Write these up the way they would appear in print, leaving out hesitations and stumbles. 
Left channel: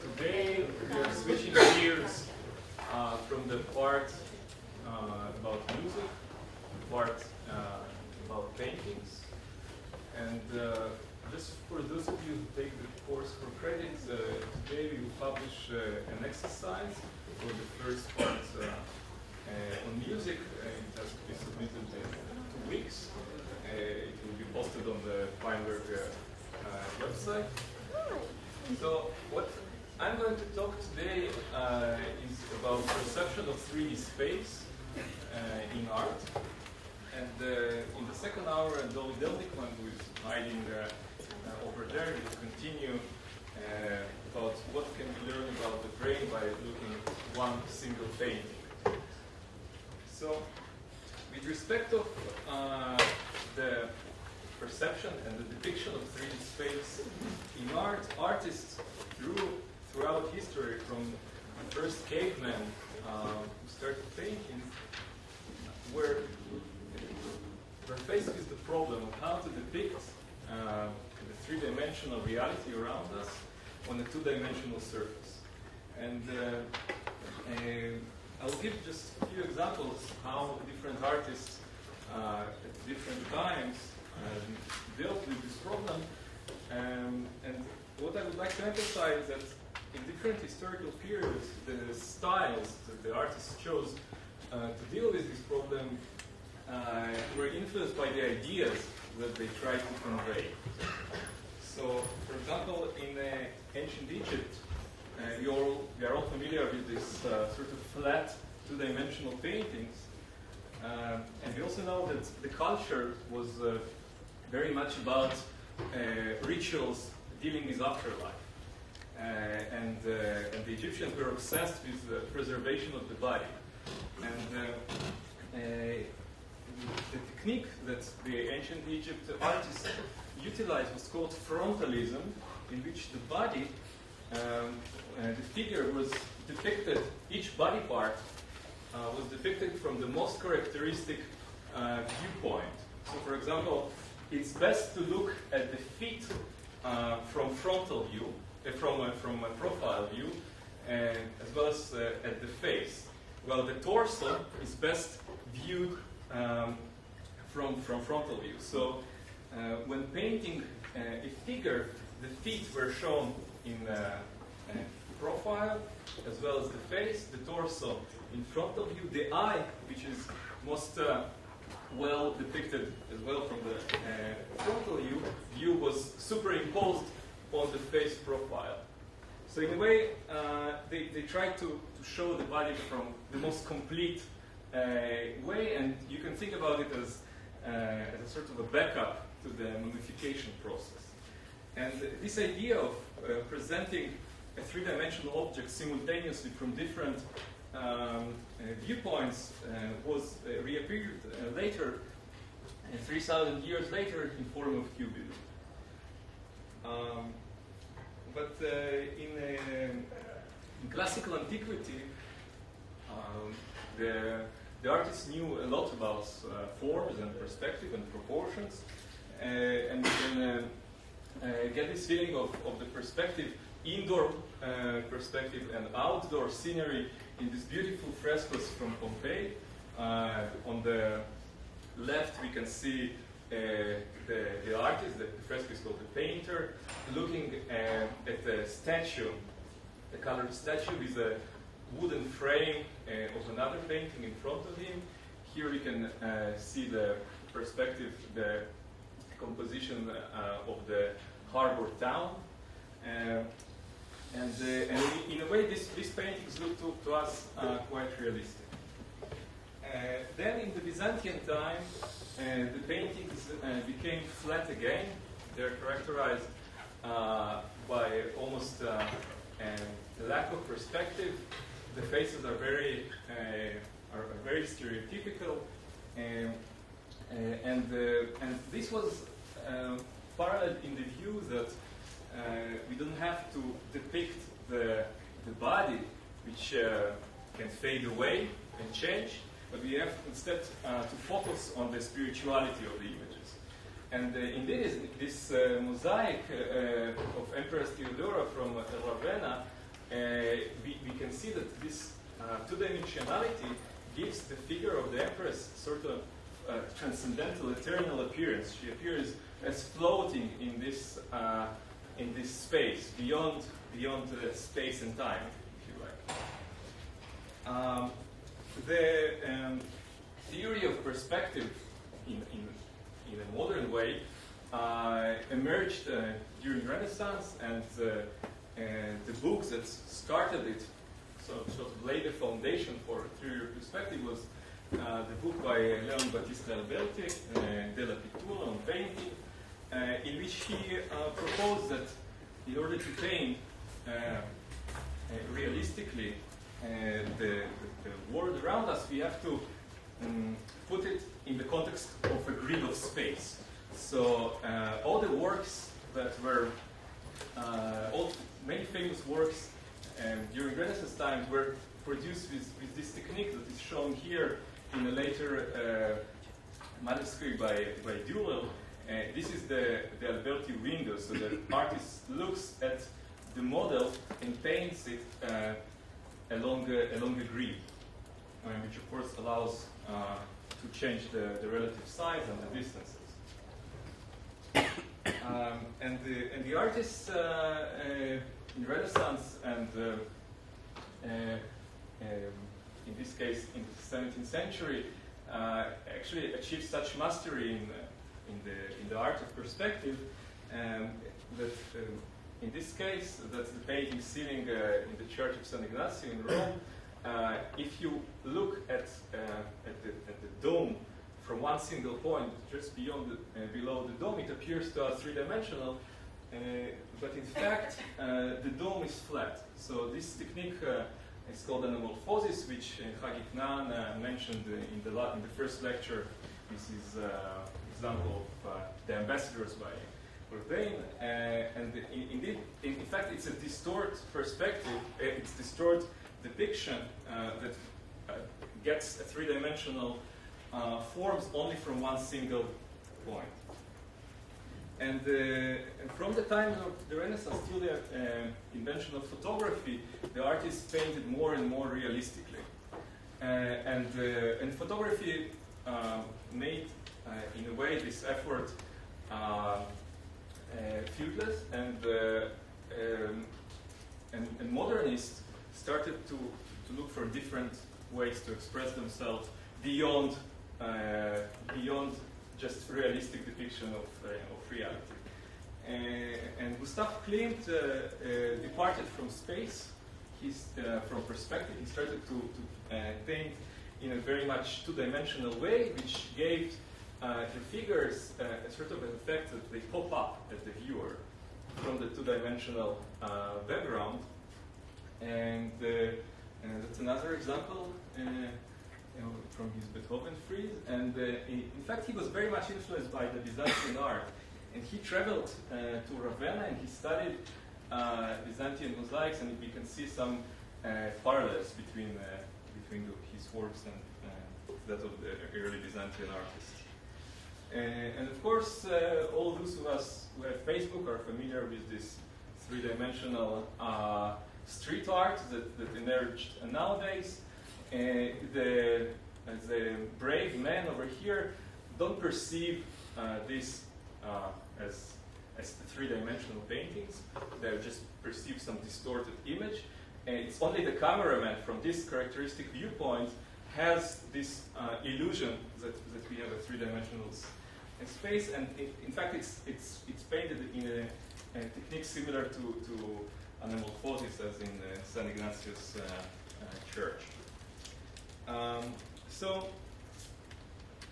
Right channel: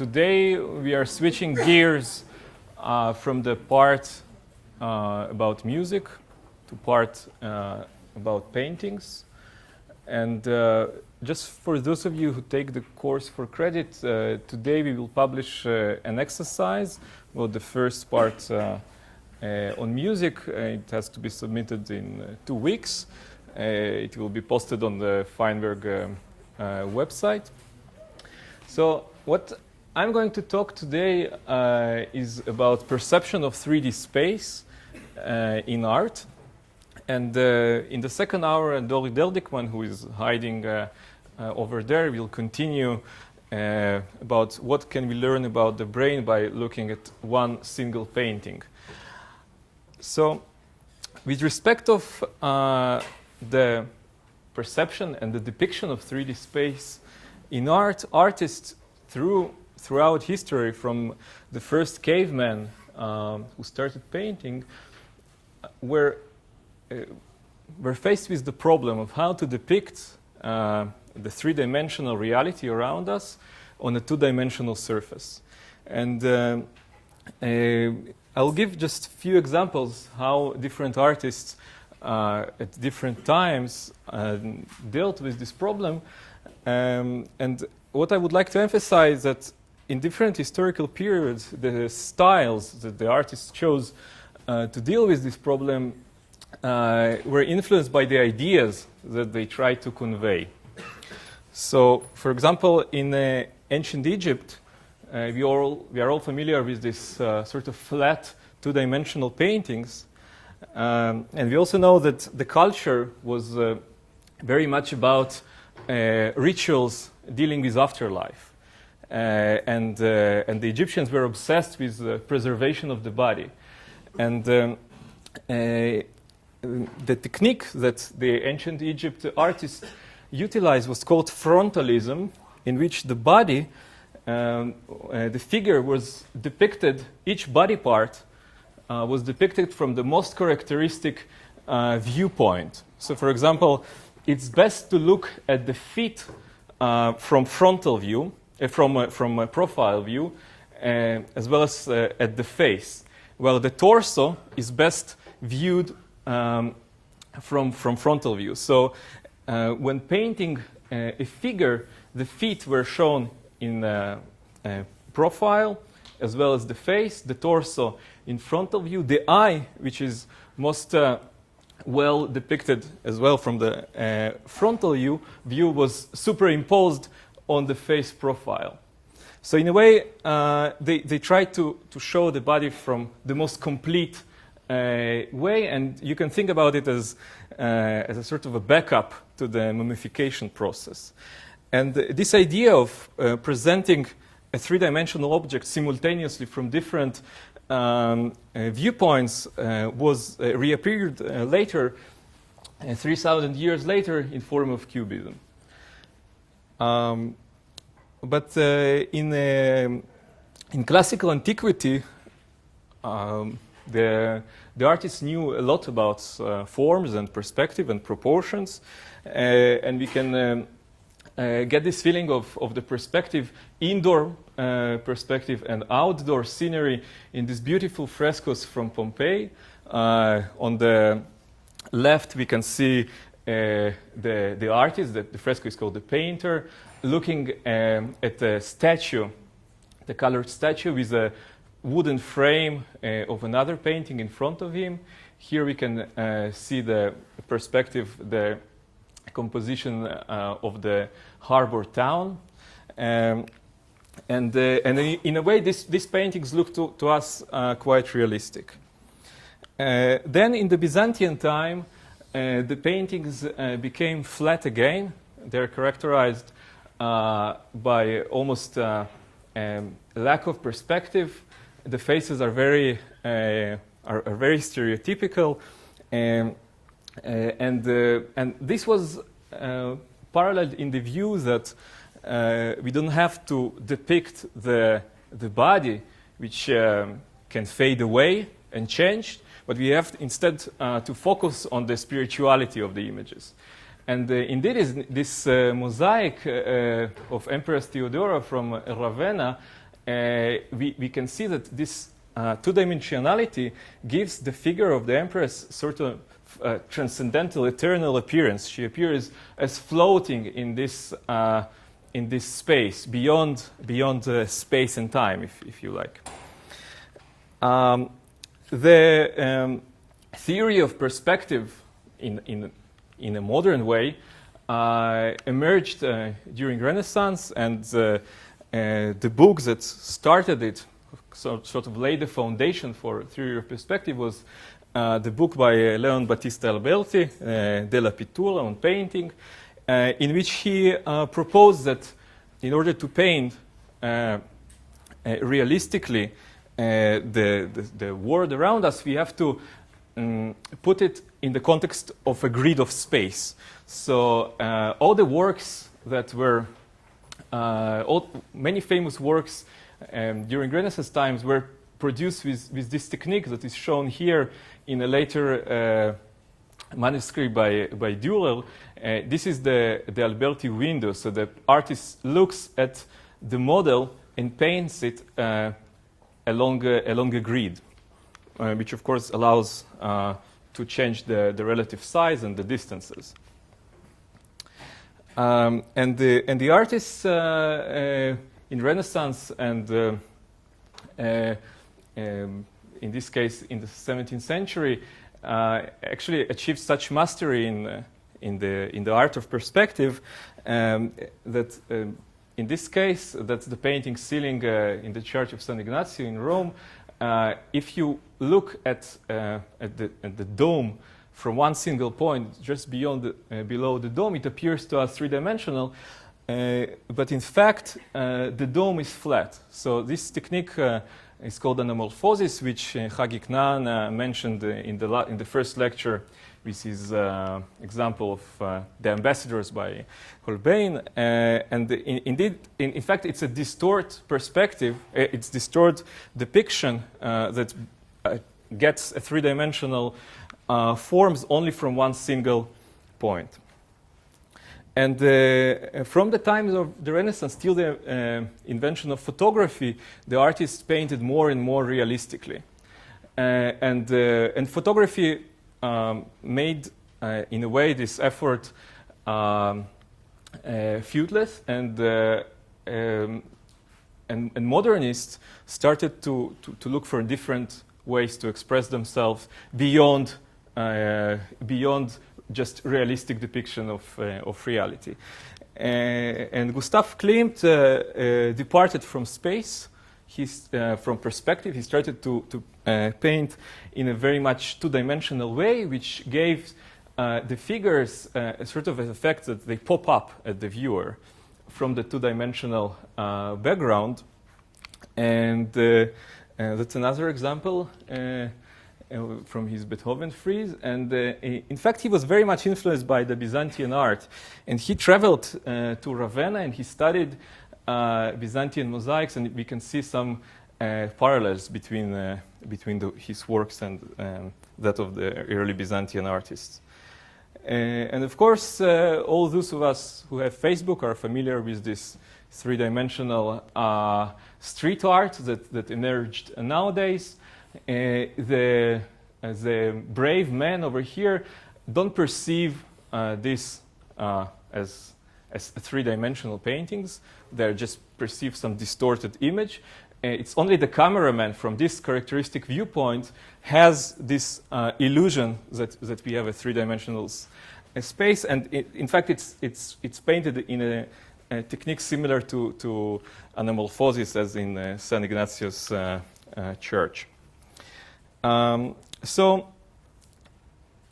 today we are switching gears from the part about music to part about paintings. And just for those of you who take the course for credit, today we will publish an exercise. Well, the first part on music, it has to be submitted in 2 weeks. It will be posted on the Feinberg website. So what I'm going to talk today is about perception of 3D space in art. And in the second hour, Dori Deldikman, who is hiding over there, will continue about what can we learn about the brain by looking at one single painting. So with respect of the perception and the depiction of 3D space in art, artists throughout history, from the first caveman who started painting, were faced with the problem of how to depict the three-dimensional reality around us on a two-dimensional surface. And I'll give just a few examples how different artists at different times dealt with this problem. And what I would like to emphasize is that in different historical periods, the styles that the artists chose to deal with this problem were influenced by the ideas that they tried to convey. So, for example, in ancient Egypt, we are all familiar with this sort of flat two-dimensional paintings. And we also know that the culture was very much about rituals dealing with afterlife. And the Egyptians were obsessed with the preservation of the body. And the technique that the ancient Egypt artists utilized was called frontalism, in which the body, the figure was depicted, each body part was depicted from the most characteristic viewpoint. So, for example, it's best to look at the feet from frontal view, from a profile view, as well as at the face. Well, the torso is best viewed from frontal view. So when painting a figure, the feet were shown in profile, as well as the face, the torso in frontal view, the eye, which is most well depicted as well from the frontal view, was superimposed on the face profile. So in a way, they tried to show the body from the most complete way, and you can think about it as a sort of a backup to the mummification process. And this idea of presenting a three-dimensional object simultaneously from different viewpoints was reappeared later, 3,000 years later, in form of cubism. But in classical antiquity, the artists knew a lot about forms and perspective and proportions, and we can get this feeling of the perspective, indoor perspective and outdoor scenery in these beautiful frescoes from Pompeii. On the left, we can see the artist. The fresco is called the painter, looking at the statue, the colored statue with a wooden frame of another painting in front of him. Here we can see the perspective, the composition of the harbor town. And in a way, these paintings look to us quite realistic. Then in the Byzantine time, the paintings became flat again. They're characterized by almost lack of perspective. The faces are very stereotypical, and this was paralleled in the view that we don't have to depict the body, which can fade away and change, but we have instead to focus on the spirituality of the images. And indeed, this mosaic of Empress Theodora from Ravenna we can see that this two-dimensionality gives the figure of the Empress sort of transcendental, eternal appearance. She appears as floating in this space, beyond space and time, if you like. The theory of perspective in a modern way emerged during Renaissance, and the book that started it, sort of laid the foundation for theory of perspective, was the book by Leon Battista Alberti, Della Pittura, on painting, in which he proposed that in order to paint realistically the world around us, we have to put it in the context of a grid of space. So all the works that were, many famous works during Renaissance times were produced with this technique that is shown here in a later manuscript by Dürer. This is the Alberti window. So the artist looks at the model and paints it along a grid, which of course allows to change the relative size and the distances. And the artists in Renaissance and in this case in the 17th century actually achieved such mastery in the art of perspective that in this case, that's the painting ceiling in the Church of San Ignazio in Rome. If you look at the dome from one single point, just beyond below the dome, it appears to us three-dimensional. But in fact, the dome is flat. So this technique is called anamorphosis, which Hagi Knan mentioned in the first lecture with his example of the ambassadors by Holbein. And indeed, in fact, it's a distort perspective. It's distort depiction that gets a three-dimensional forms only from one single point. And from the times of the Renaissance till the invention of photography, the artists painted more and more realistically. And photography made, in a way, this effort fruitless, and modernists started to look for different ways to express themselves beyond just realistic depiction of reality. And Gustav Klimt departed from space. From perspective, he started to paint in a very much two-dimensional way, which gave the figures a sort of an effect that they pop up at the viewer from the two-dimensional background. And that's another example from his Beethoven frieze. And in fact, he was very much influenced by the Byzantine art. And he traveled to Ravenna and he studied Byzantine mosaics, and we can see some parallels between his works and that of the early Byzantine artists. And of course, all those of us who have Facebook are familiar with this three-dimensional street art that emerged nowadays. The brave men over here don't perceive this as three-dimensional paintings. They just perceive some distorted image. It's only the cameraman from this characteristic viewpoint has this illusion that we have a three-dimensional space, and in fact it's painted in a technique similar to anamorphosis as in San Ignazio's church. So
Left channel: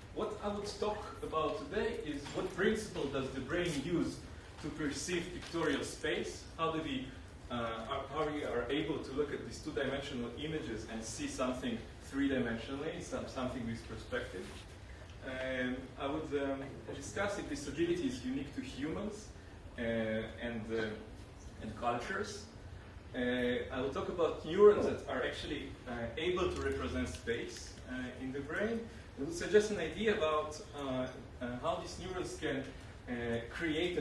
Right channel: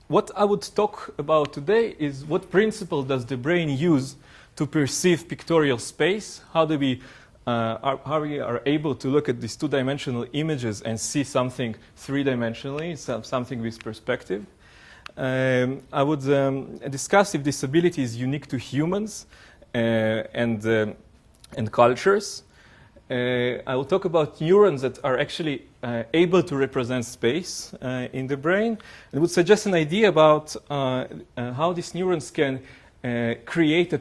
what I would talk about today is what principle does the brain use to perceive pictorial space? How we are able to look at these two-dimensional images and see something three-dimensionally, something with perspective. I would discuss if this ability is unique to humans and cultures. I will talk about neurons that are actually able to represent space in the brain, and would suggest an idea about how these neurons can create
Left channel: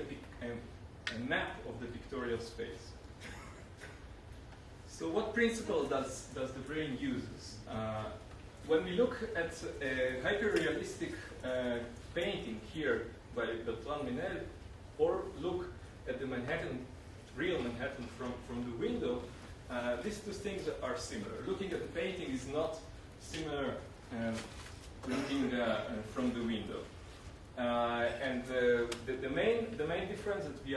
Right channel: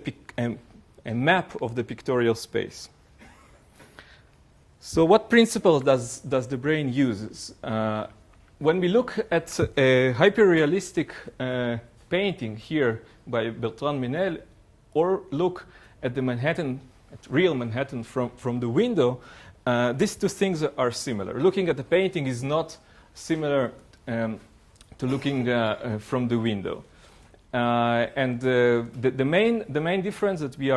a map of the pictorial space. So what principle does the brain use? When we look at a hyper-realistic painting here by Bertrand Menel, or look at the Manhattan, at real Manhattan from the window, these two things are similar. Looking at the painting is not similar to looking from the window. And the main difference that we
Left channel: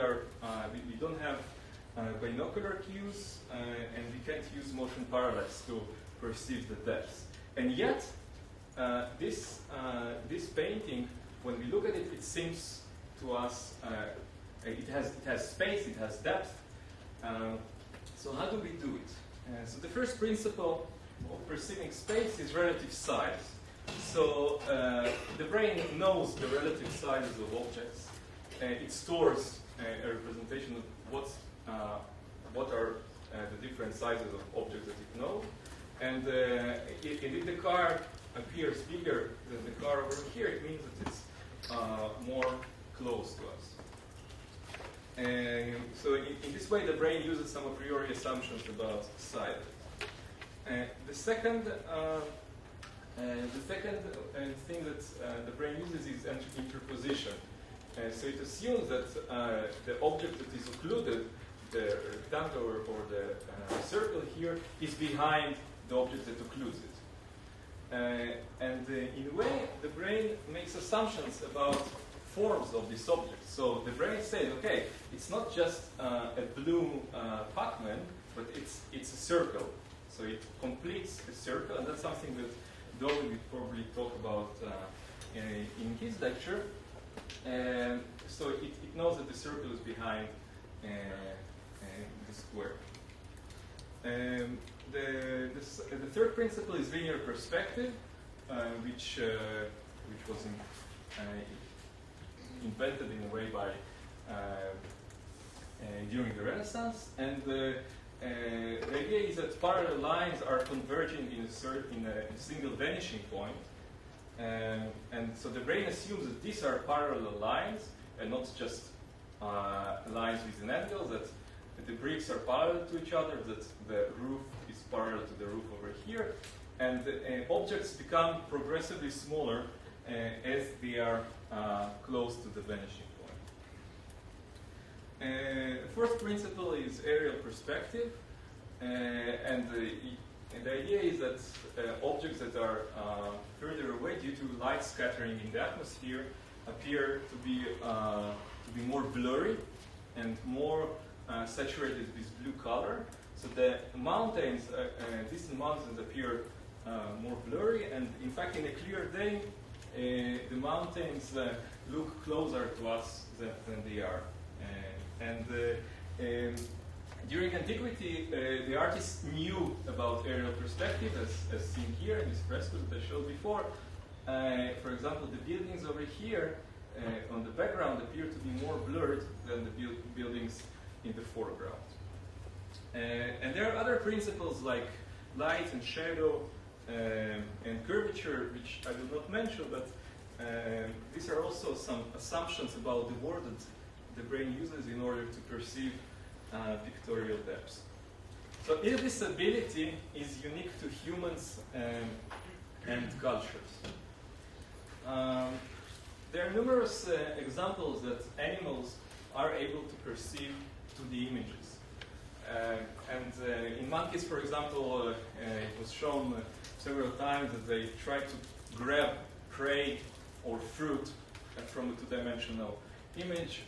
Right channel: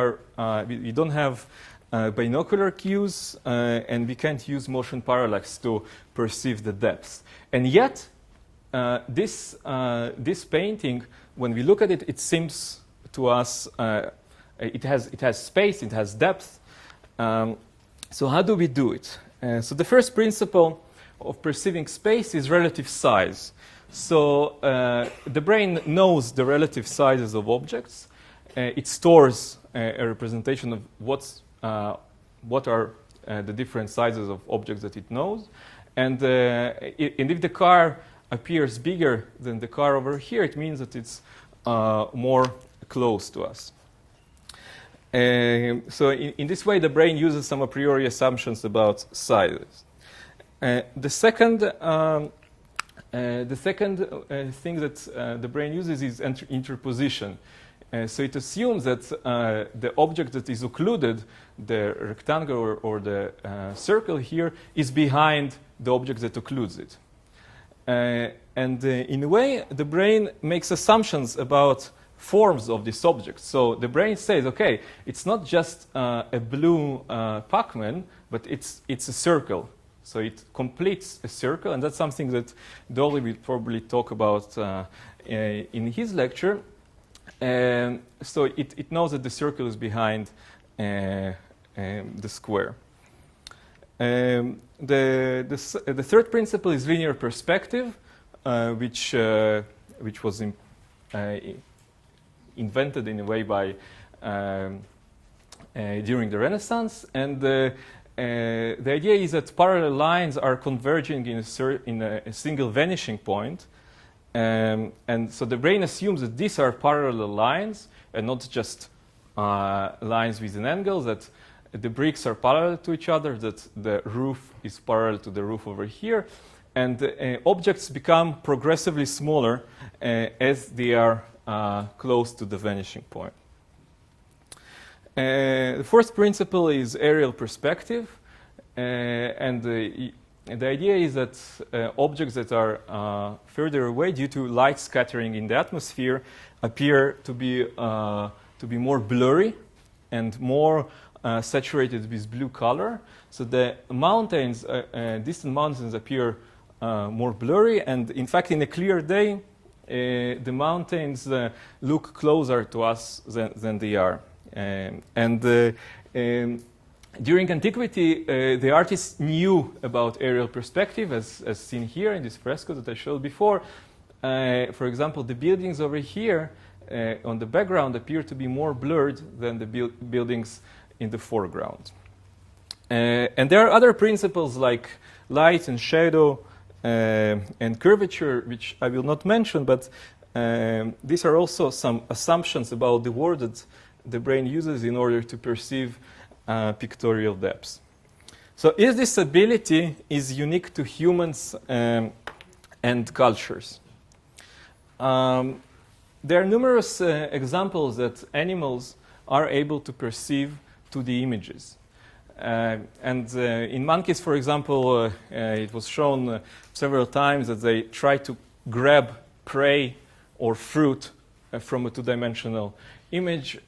don't have binocular cues, and we can't use motion parallax to perceive the depths. And yet, this painting, when we look at it, it seems to us it has space, it has depth. So how do we do it? So the first principle of perceiving space is relative size. So the brain knows the relative sizes of objects. It stores a representation of what are the different sizes of objects that it knows. And if the car appears bigger than the car over here, it means that it's more close to us. So in this way, the brain uses some a priori assumptions about sizes. The second thing that the brain uses is interposition. So it assumes that the object that is occluded, the rectangle or the circle here, is behind the object that occludes it. And in a way, the brain makes assumptions about forms of this object. So the brain says, okay, it's not just a blue Pac-Man, but it's a circle. So it completes a circle, and that's something that Dolly will probably talk about in his lecture. So it knows that the circle is behind the square. The third principle is linear perspective, which was invented in a way by during the Renaissance, and the idea is that parallel lines are converging in a single vanishing point, and so the brain assumes that these are parallel lines and not just lines with an angle, that the bricks are parallel to each other, that the roof is parallel to the roof over here, and objects become progressively smaller as they are close to the vanishing point. The fourth principle is aerial perspective, and the idea is that objects that are further away due to light scattering in the atmosphere appear to be more blurry and more saturated with blue color. So the mountains, distant mountains, appear more blurry, and in fact, in a clear day, the mountains look closer to us than they are. During antiquity, the artists knew about aerial perspective, as seen here in this fresco that I showed before. For example, the buildings over here on the background appear to be more blurred than the buildings in the foreground. And there are other principles like light and shadow and curvature, which I will not mention, but these are also some assumptions about the world that the brain uses in order to perceive pictorial depths. So this ability is unique to humans and cultures. There are numerous examples that animals are able to perceive 2D images. In monkeys, for example, it was shown several times that they try to grab prey or fruit from a two-dimensional image.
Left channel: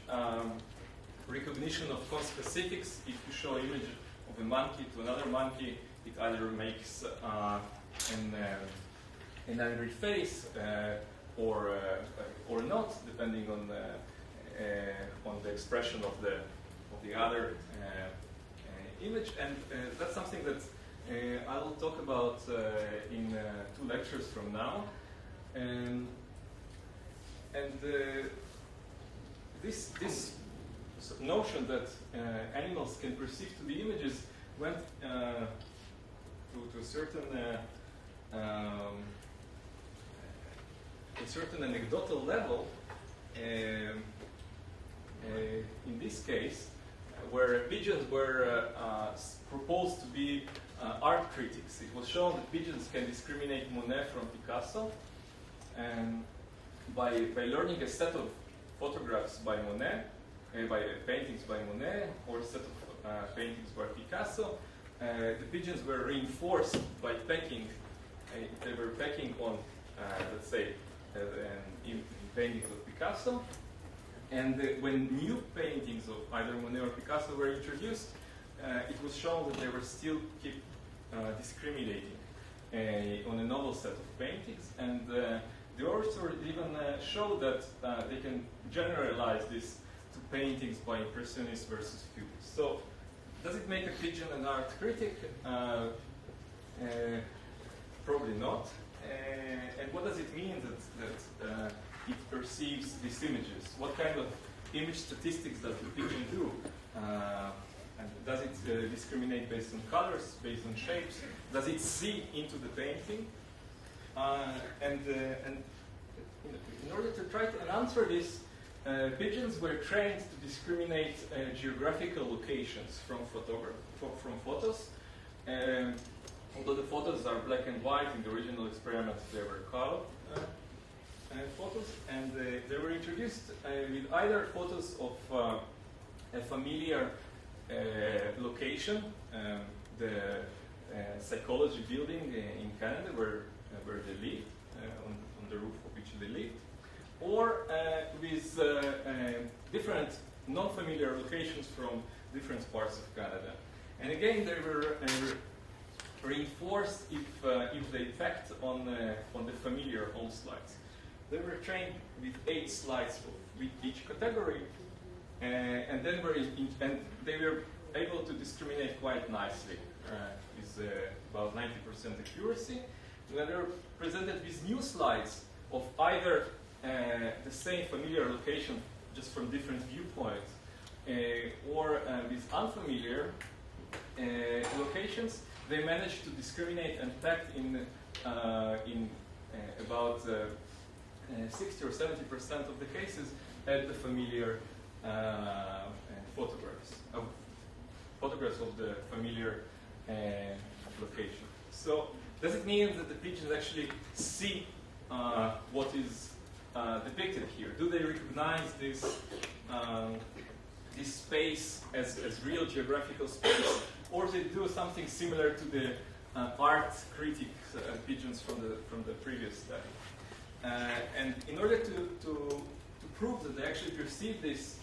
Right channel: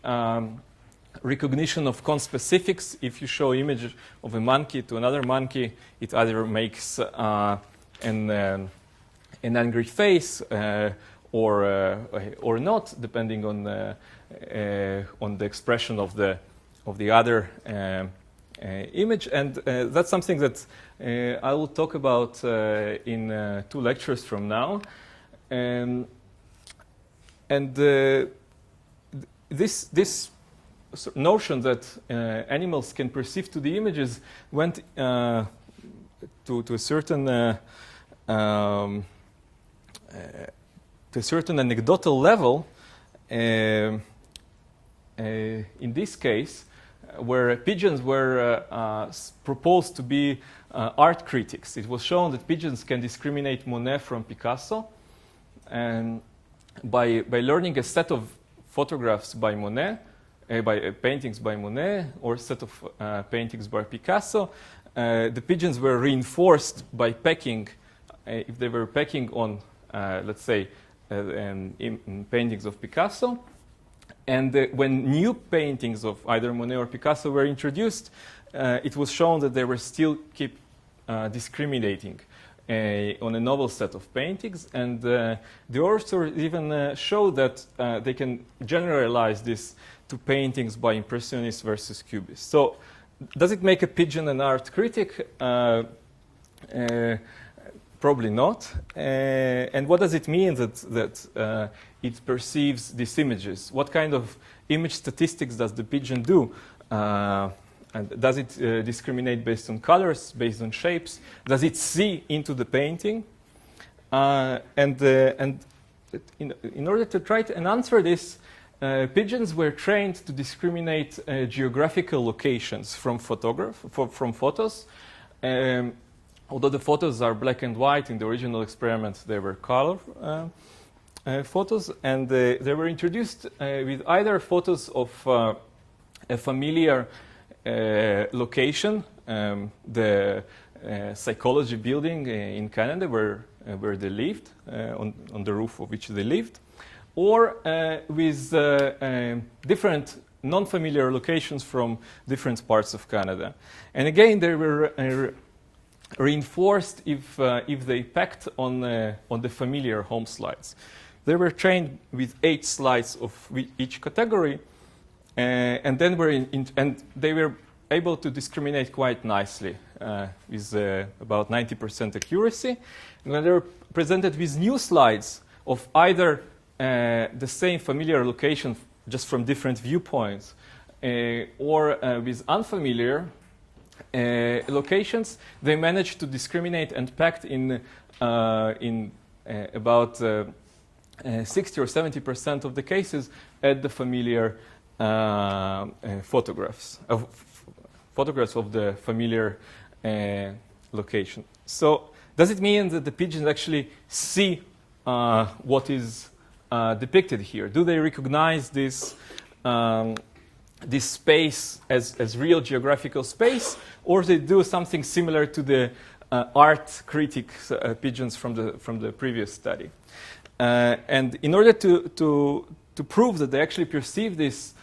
Recognition of conspecifics. If you show image of a monkey to another monkey, it either makes an angry face or not, depending on the expression of the other image. And that's something that I will talk about in 2 lectures from now. This notion that animals can perceive 2D images went to a certain anecdotal level. In this case, where pigeons were proposed to be art critics. It was shown that pigeons can discriminate Monet from Picasso, and by learning a set of photographs by Monet, by paintings by Monet, or a set of paintings by Picasso, the pigeons were reinforced by pecking. If they were pecking on, let's say, in paintings of Picasso, and when new paintings of either Monet or Picasso were introduced, it was shown that they were still keep discriminating on a novel set of paintings, and the author even showed that they can generalize this to paintings by Impressionists versus Cubists. So, does it make a pigeon an art critic? Probably not. And what does it mean that it perceives these images? What kind of image statistics does the pigeon do? And does it discriminate based on colors, based on shapes? Does it see into the painting? And in order to try to answer this, pigeons were trained to discriminate geographical locations from photos. Although the photos are black and white, in the original experiment they were color photos, and they were introduced with either photos of a familiar location, the psychology building in Canada where they lived, on the roof of which they lived, or with different non-familiar locations from different parts of Canada. And again, they were reinforced if they pecked on the familiar home slides. They were trained with 8 slides of each category, and then and they were able to discriminate quite nicely with about 90% accuracy. And when they were presented with new slides of either the same familiar location just from different viewpoints, or with unfamiliar locations, they managed to discriminate and pecked in about 60 or 70% of the cases at the familiar photographs of the familiar location. So, does it mean that the pigeons actually see what is depicted here? Do they recognize this this space as real geographical space, or they do something similar to the art critic pigeons from the previous study? And in order to prove that they actually perceive this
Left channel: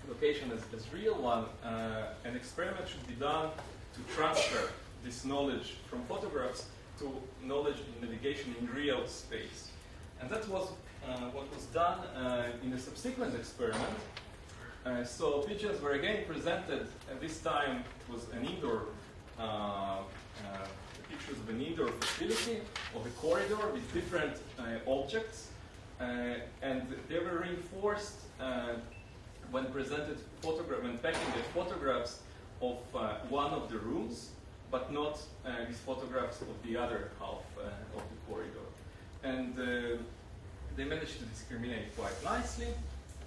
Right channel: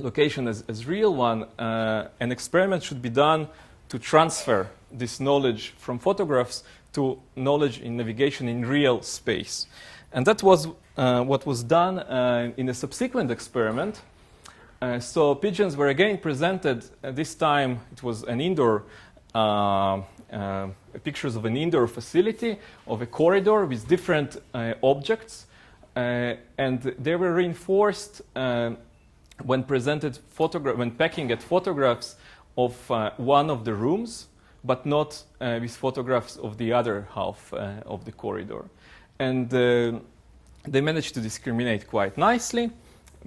location as real one, an experiment should be done to transfer this knowledge from photographs to knowledge in navigation in real space. And that was what was done in a subsequent experiment. So pigeons were again presented, this time it was an indoor, pictures of an indoor facility, of a corridor with different objects, and they were reinforced when presented when pecking at photographs of one of the rooms, but not with photographs of the other half of the corridor. And they managed to discriminate quite nicely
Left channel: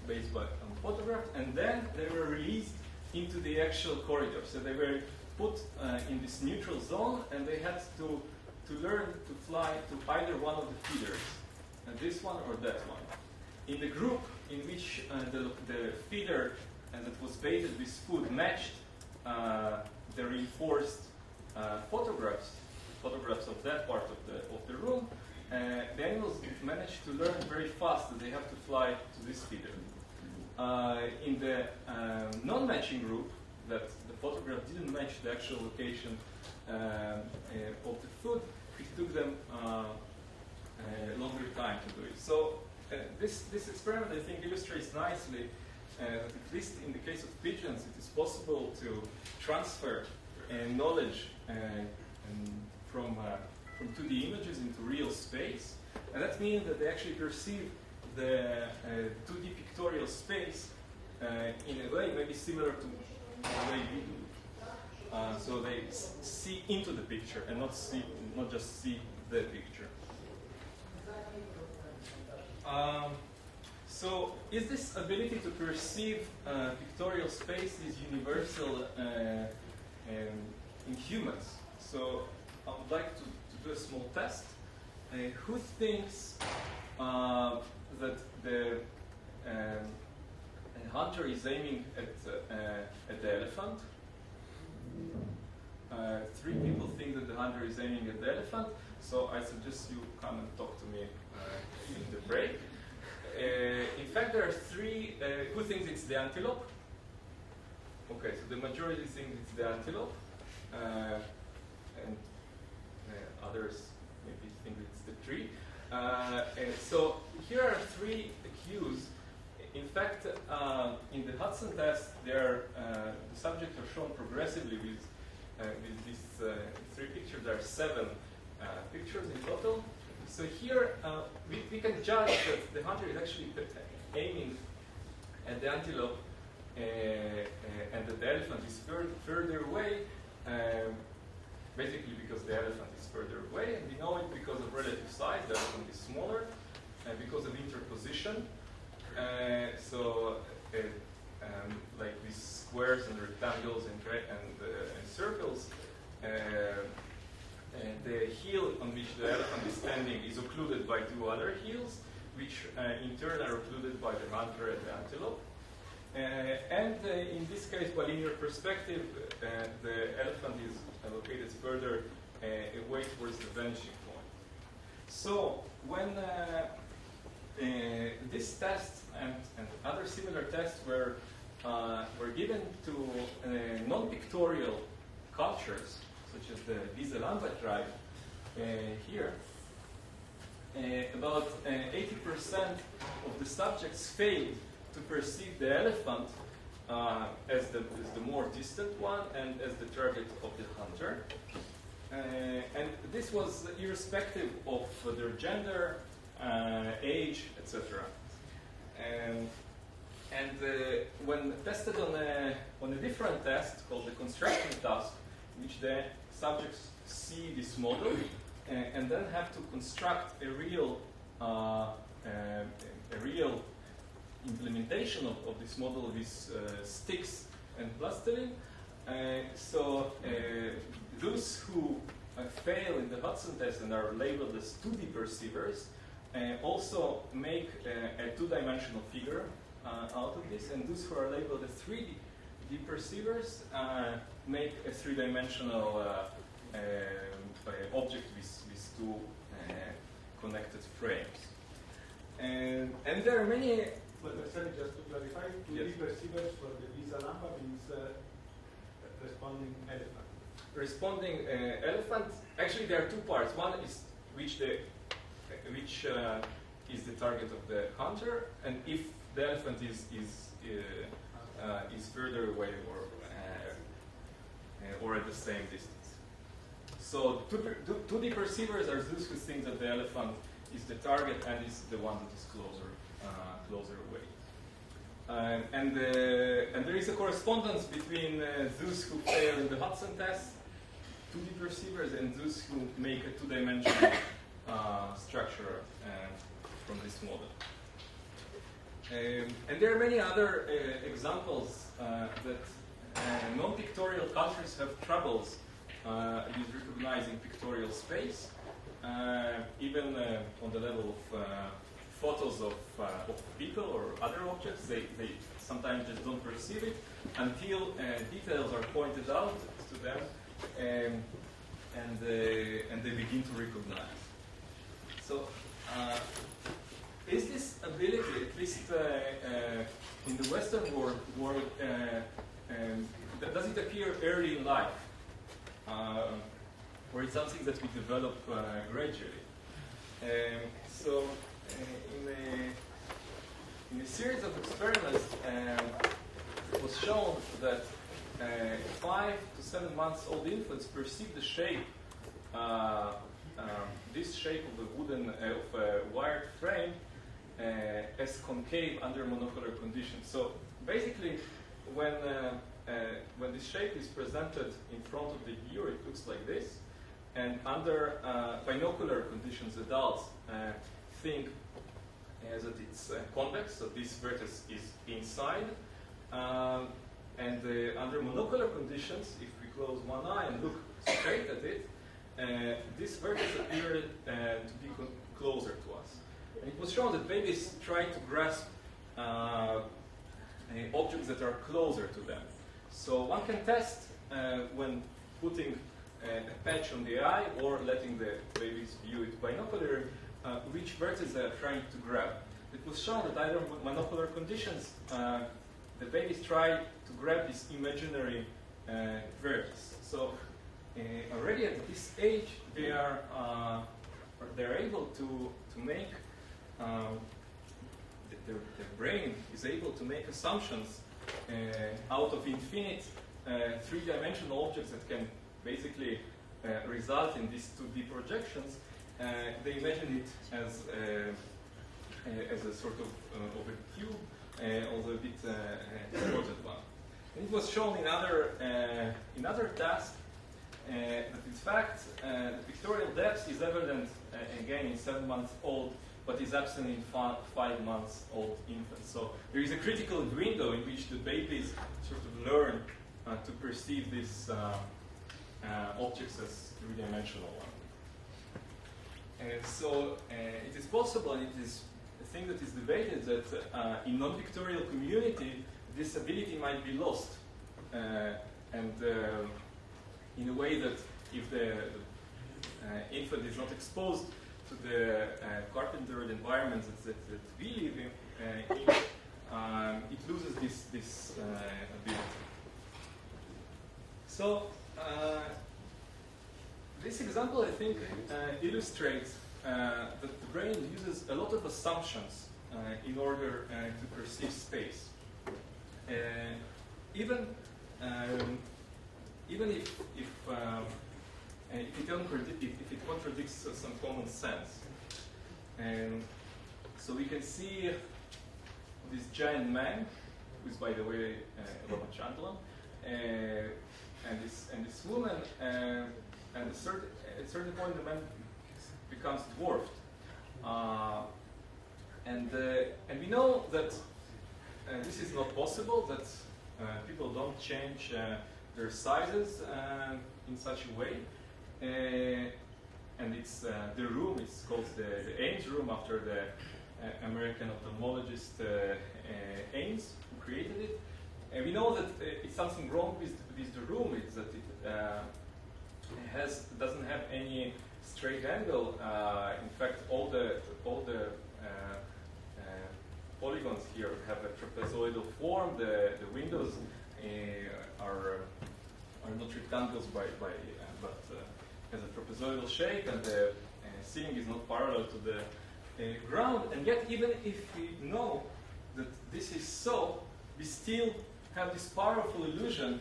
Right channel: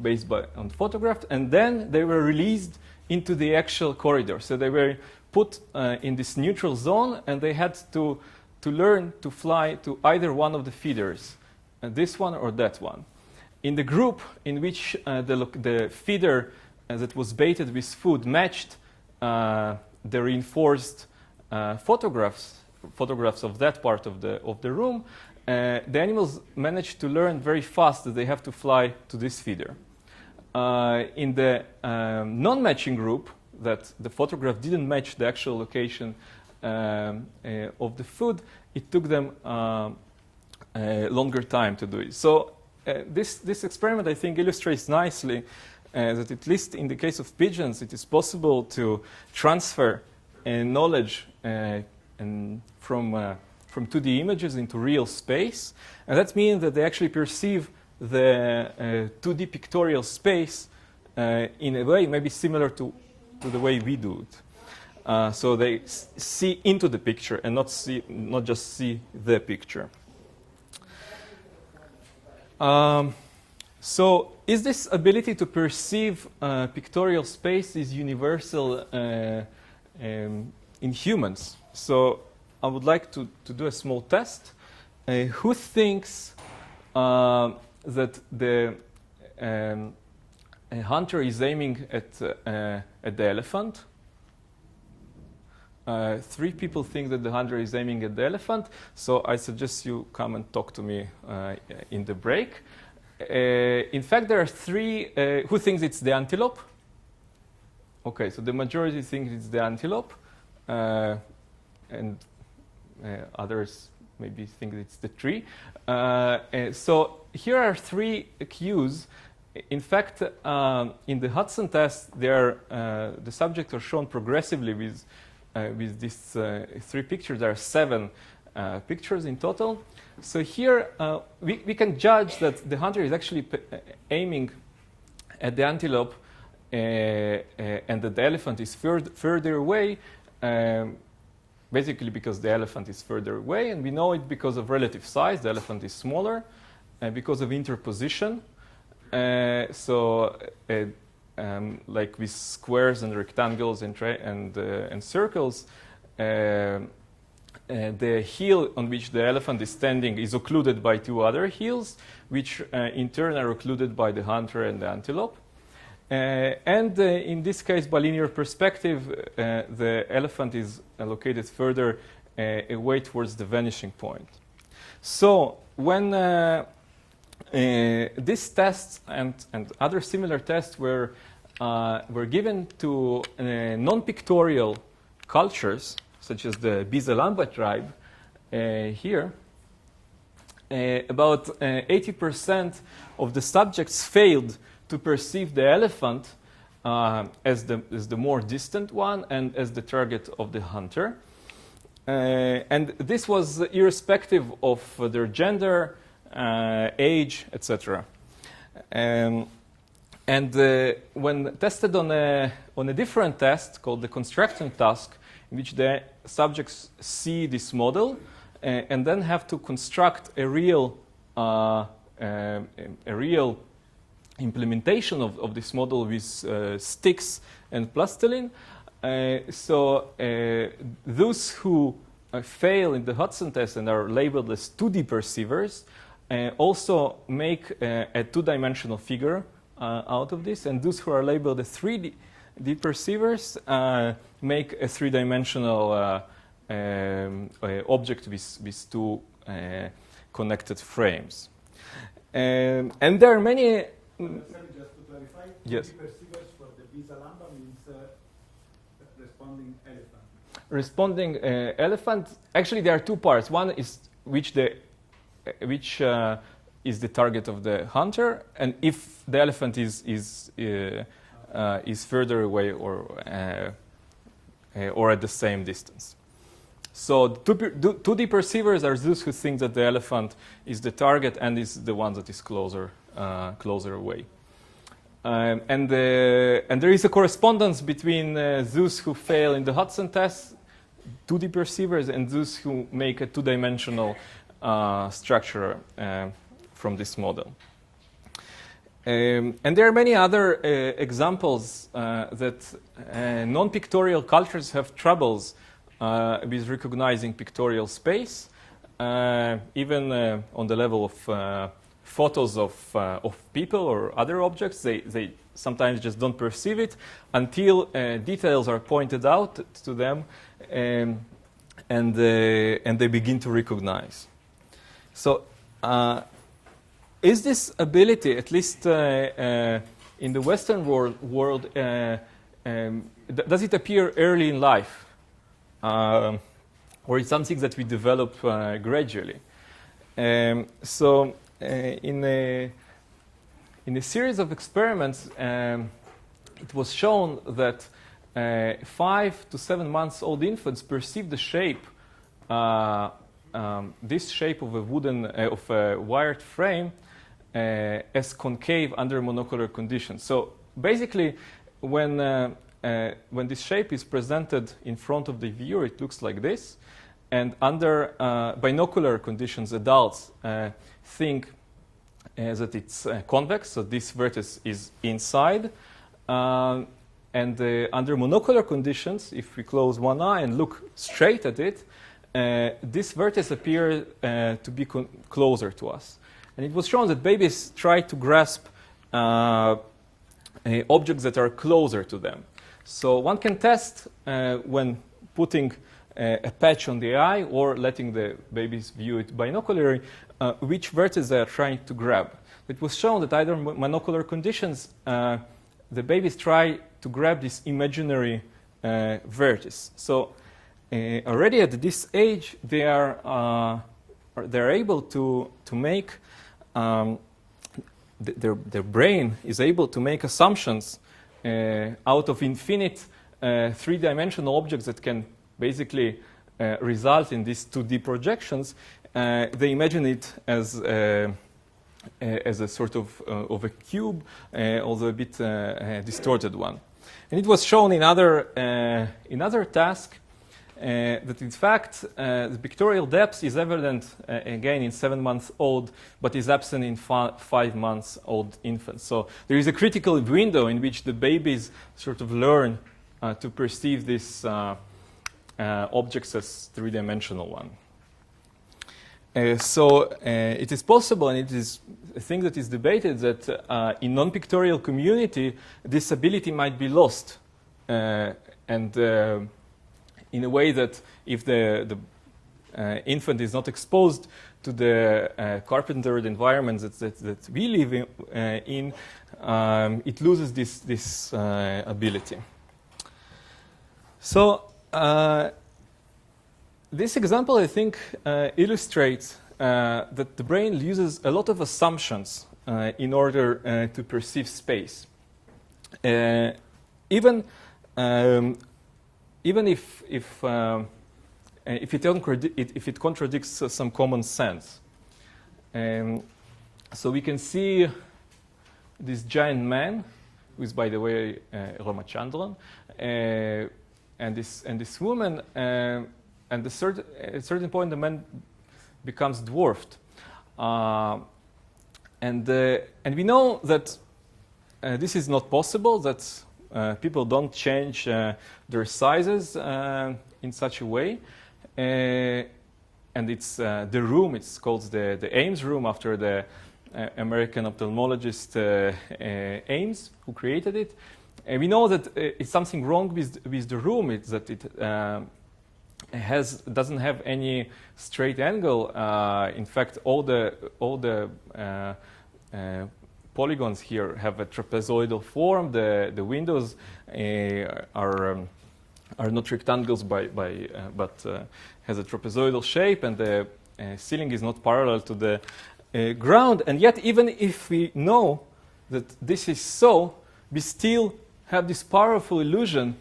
based on photographs, and then they were released into the actual corridor. So they were put in this neutral zone, and they had to learn to fly to either one of the feeders, this one or that one. In the group in which the feeder that was baited with food matched the reinforced photographs of that part of the room, the animals managed to learn very fast that they have to fly to this feeder. In the non-matching group, that the photograph didn't match the actual location of the food, it took them a longer time to do it. So this experiment, I think, illustrates nicely that at least in the case of pigeons, it is possible to transfer knowledge from 2D images into real space. And that means that they actually perceive the 2D pictorial space in a way maybe similar to the way we do it. So they see into the picture and not just see the picture. So is this ability to perceive pictorial space is universal in humans? So I would like to do a small test. Who thinks that the hunter is aiming at the elephant? 3 people think that the hunter is aiming at the elephant. So I suggest you come and talk to me in the break. In fact, there are 3 who thinks it's the antelope. Okay, so the majority thinks it's the antelope, and others maybe think it's the tree. So here are 3 cues. In fact, in the Hudson test, the subjects are shown progressively with these 3 pictures. There are 7 pictures in total. So here we can judge that the hunter is actually aiming at the antelope and that the elephant is further away, basically because the elephant is further away, and we know it because of relative size. The elephant is smaller, and because of interposition. Like with squares and rectangles and circles, the heel on which the elephant is standing is occluded by 2 other heels, which in turn are occluded by the hunter and the antelope. In this case, by linear perspective, the elephant is located further away towards the vanishing point. So when these tests and other similar tests were given to non-pictorial cultures, such as the Bizalamba tribe here, about 80% of the subjects failed to perceive the elephant as the more distant one and as the target of the hunter. And this was irrespective of their gender, age, etc. When tested on a different test called the construction task, in which the subjects see this model and then have to construct a real implementation of this model with sticks and plastilin. Those who fail in the Hudson test and are labeled as 2D perceivers also make a 2-dimensional figure out of this, and those who are labeled as 3D perceivers make a 3-dimensional object with 2 connected frames. And there are many. Just to clarify, yes. 3D perceivers for the Bizalamba means responding elephant. Responding elephant. Actually, there are 2 parts. One is which is the target of the hunter, and if the elephant is further away or at the same distance. So 2D perceivers are those who think that the elephant is the target and is the one that is closer away. And there is a correspondence between those who fail in the Hudson test, 2D perceivers, and those who make a 2-dimensional structure from this model. And there are many other examples that non-pictorial cultures have troubles with recognizing pictorial space, even on the level of photos of people or other objects. They sometimes just don't perceive it until details are pointed out to them, and they begin to recognize. So is this ability, at least in the Western world, does it appear early in life? Or it's something that we develop gradually? In a series of experiments, it was shown that 5 to 7 months old infants perceive the shape, this shape of a wired frame, as concave under monocular conditions. So basically, when this shape is presented in front of the viewer, it looks like this. And under binocular conditions, adults think that it's convex, so this vertex is inside. And under monocular conditions, if we close one eye and look straight at it, this vertex appears to be closer to us. And it was shown that babies try to grasp objects that are closer to them. So one can test when putting a patch on the eye or letting the babies view it binocularly, which vertex they are trying to grab. It was shown that either monocular conditions, the babies try to grab this imaginary vertex. So already at this age, they're able to make their brain is able to make assumptions out of infinite three-dimensional objects that can basically result in these 2D projections. They imagine it as a sort of a cube, although a bit distorted one. And it was shown in other tasks that in fact the pictorial depth is evident again in 7-month-old, but is absent in 5-month-old infants. So there is a critical window in which the babies sort of learn to perceive these objects as three-dimensional one. So it is possible, and it is a thing that is debated, that in non-pictorial community, this ability might be lost. And in a way that if the infant is not exposed to the carpentered environments that we live in, it loses this ability. So this example, I think, illustrates that the brain uses a lot of assumptions in order to perceive space. Even if it contradicts some common sense. So we can see this giant man, who is, by the way, Ramachandran, and this woman, and at a certain point the man becomes dwarfed, and we know that this is not possible. That people don't change their sizes in such a way, and it's the room. It's called the Ames room after the American ophthalmologist Ames, who created it. And we know that it's something wrong with the room. It's that it doesn't have any straight angle. In fact, all the polygons here have a trapezoidal form. The windows are not rectangles but has a trapezoidal shape, and the ceiling is not parallel to the ground. And yet, even if we know that this is so, we still have this powerful illusion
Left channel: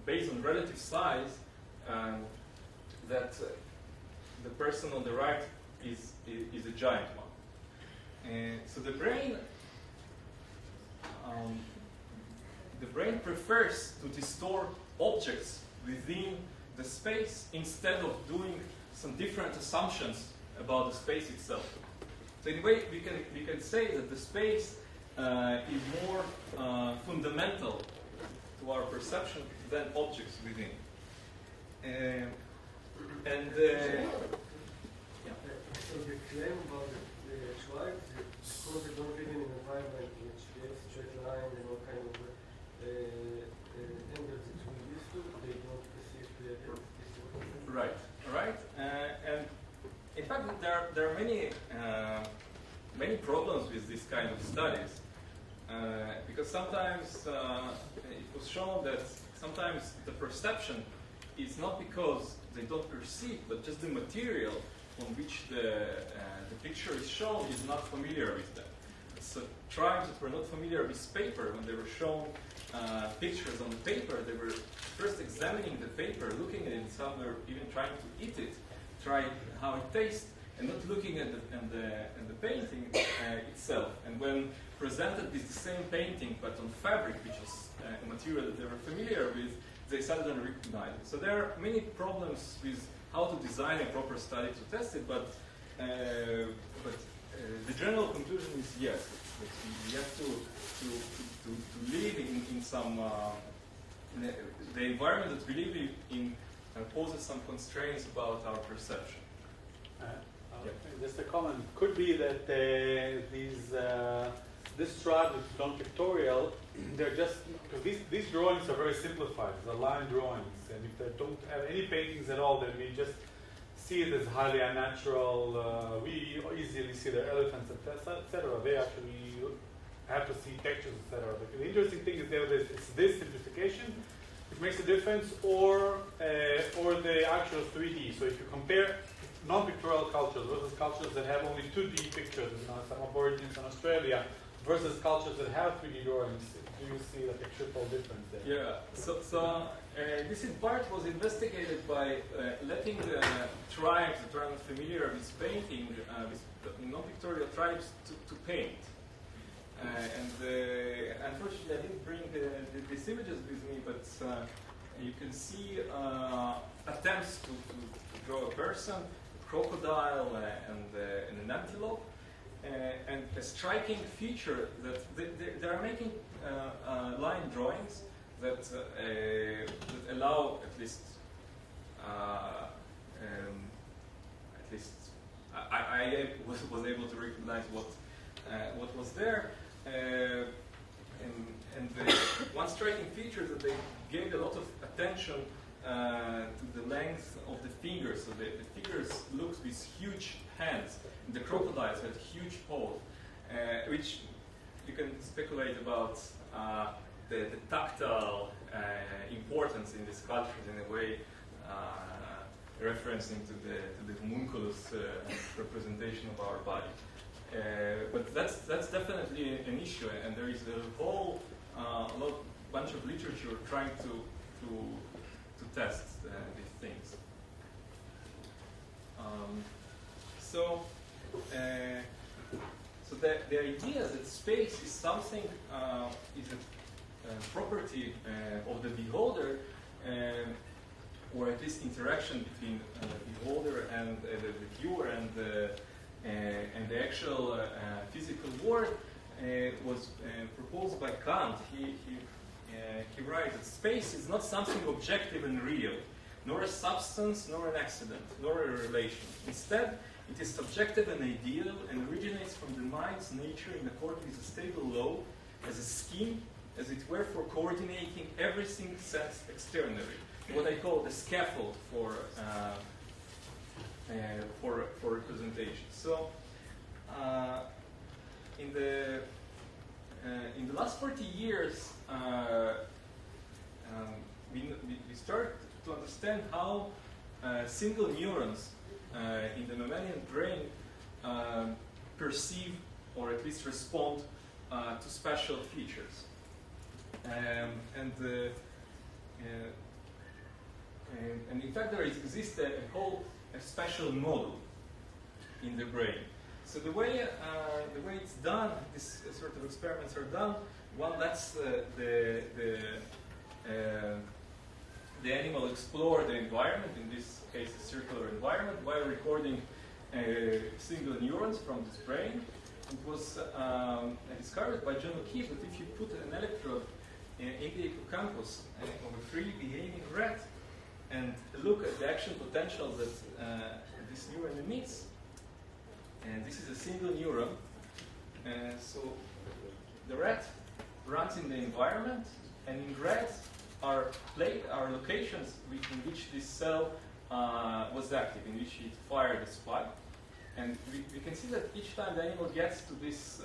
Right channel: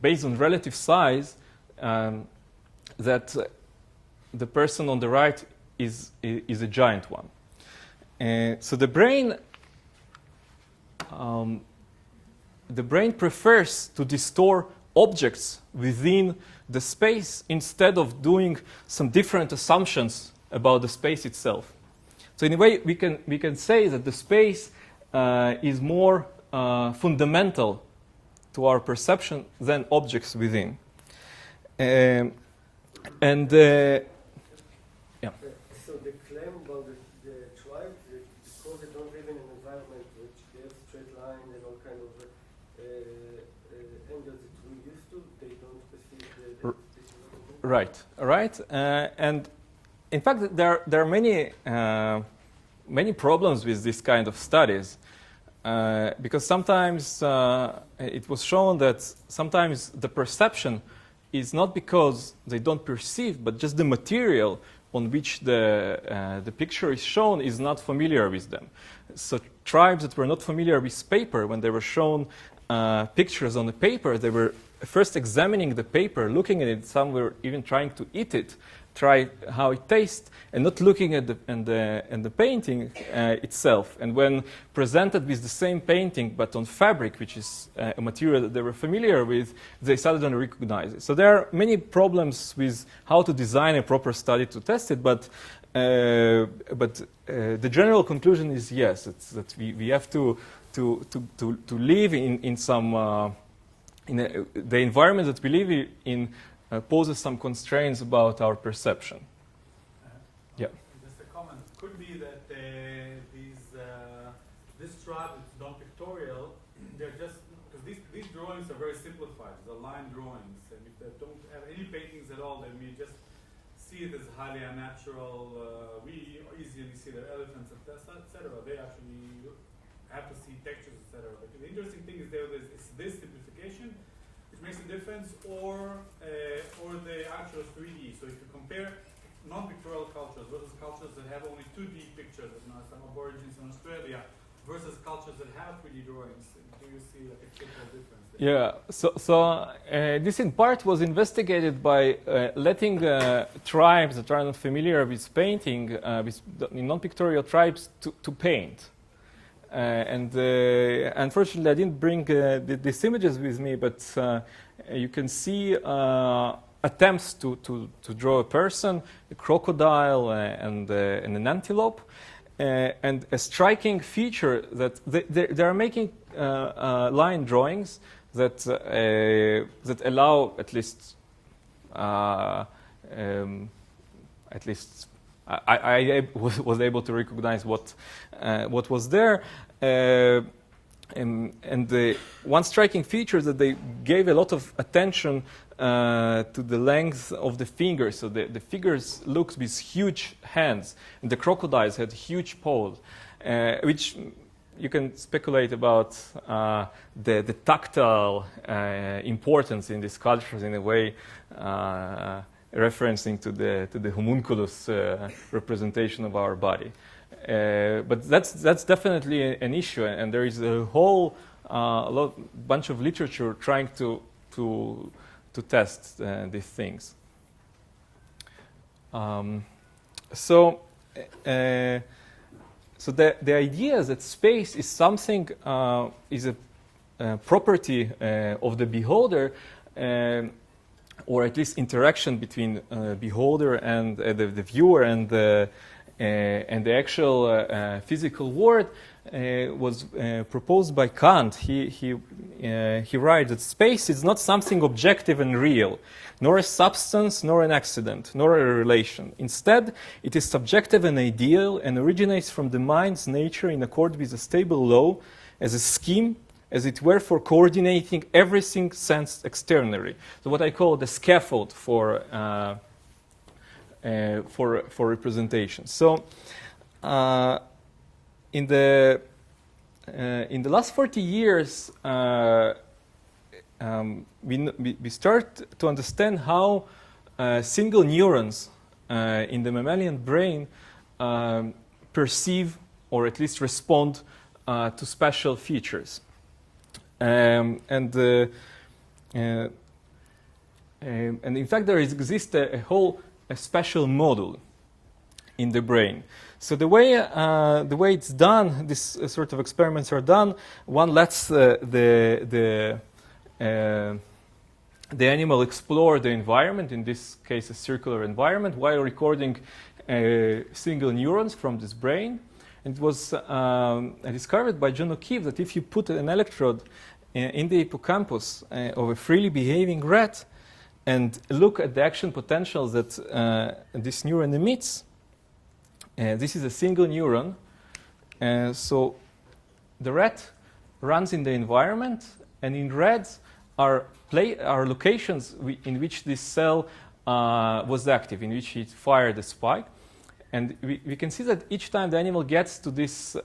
based on relative size that the person on the right is a giant one. So the brain prefers to distort objects within the space instead of doing some different assumptions about the space itself. So in a way, we can say that the space is more fundamental to our perception than objects within. Yeah. So the claim about the tribe, because they don't live in an environment which they have straight line and all kind of angles that we used to, they don't perceive the Right. And in fact, there are many problems with this kind of studies. Because sometimes it was shown that sometimes the perception is not because they don't perceive, but just the material on which the picture is shown is not familiar with them. So tribes that were not familiar with paper, when they were shown pictures on the paper, they were first examining the paper, looking at it. Some were even trying to eat it, try how it tastes, and not looking at the painting itself. And when presented with the same painting but on fabric, which is a material that they were familiar with, they suddenly recognize it. So there are many problems with how to design a proper study to test it, but the general conclusion is yes, it's that we have to live in some the environment that we live in poses some constraints about our perception. Yeah. Just a comment. It could be that this tribe that's non-pictorial, they're just because these drawings are very simplified. They're line drawings, and if they don't have any paintings at all, then we just see it as highly unnatural. We easily see the elephants, etc. They actually have to see textures, etc. But the interesting thing is that it's this simplification which makes a difference, or the actual 3D. So if you compare non-pictorial cultures versus cultures that have only 2D pictures, some aborigines in Australia, versus cultures that have 3D drawings, do you see like a triple difference there? Yeah, so this in part was investigated by letting tribes that are not familiar with painting, with non-pictorial tribes, to paint. And unfortunately, I didn't bring these images with me, but you can see attempts to draw a person, a crocodile, and an antelope. And a striking feature that they are making line drawings that allow at least I was able to recognize what was there. And the one striking feature is that they gave a lot of attention to the length of the fingers. So the fingers looked with huge hands. And the crocodiles had huge paws, which you can speculate about the tactile importance in these cultures in a way, referencing to the homunculus representation of our body. But that's definitely an issue, and there is a whole bunch of literature trying to test these things. So the idea is that space is something, is a property of the beholder, or at least interaction between beholder and the viewer and the actual physical world, was proposed by Kant. He writes that space is not something objective and real, nor a substance, nor an accident, nor a relation. Instead, it is subjective and ideal, and originates from the mind's nature in accord with a stable law, as a scheme, as it were, for coordinating everything sensed externally. So what I call the scaffold for representation. So, in the last 40 years, we start to understand how single neurons in the mammalian brain perceive, or at least respond to spatial features. And in fact, there exists a whole spatial model in the brain. So the way it's done, this sort of experiments are done. One lets the animal explore the environment, in this case a circular environment, while recording single neurons from this brain. It was discovered by John O'Keefe that if you put an electrode in the hippocampus of a freely behaving rat and look at the action potentials that this neuron emits, this is a single neuron, so the rat runs in the environment, and in red are locations in which this cell was active, in which it fired a spike. And we can see that each time the animal gets to this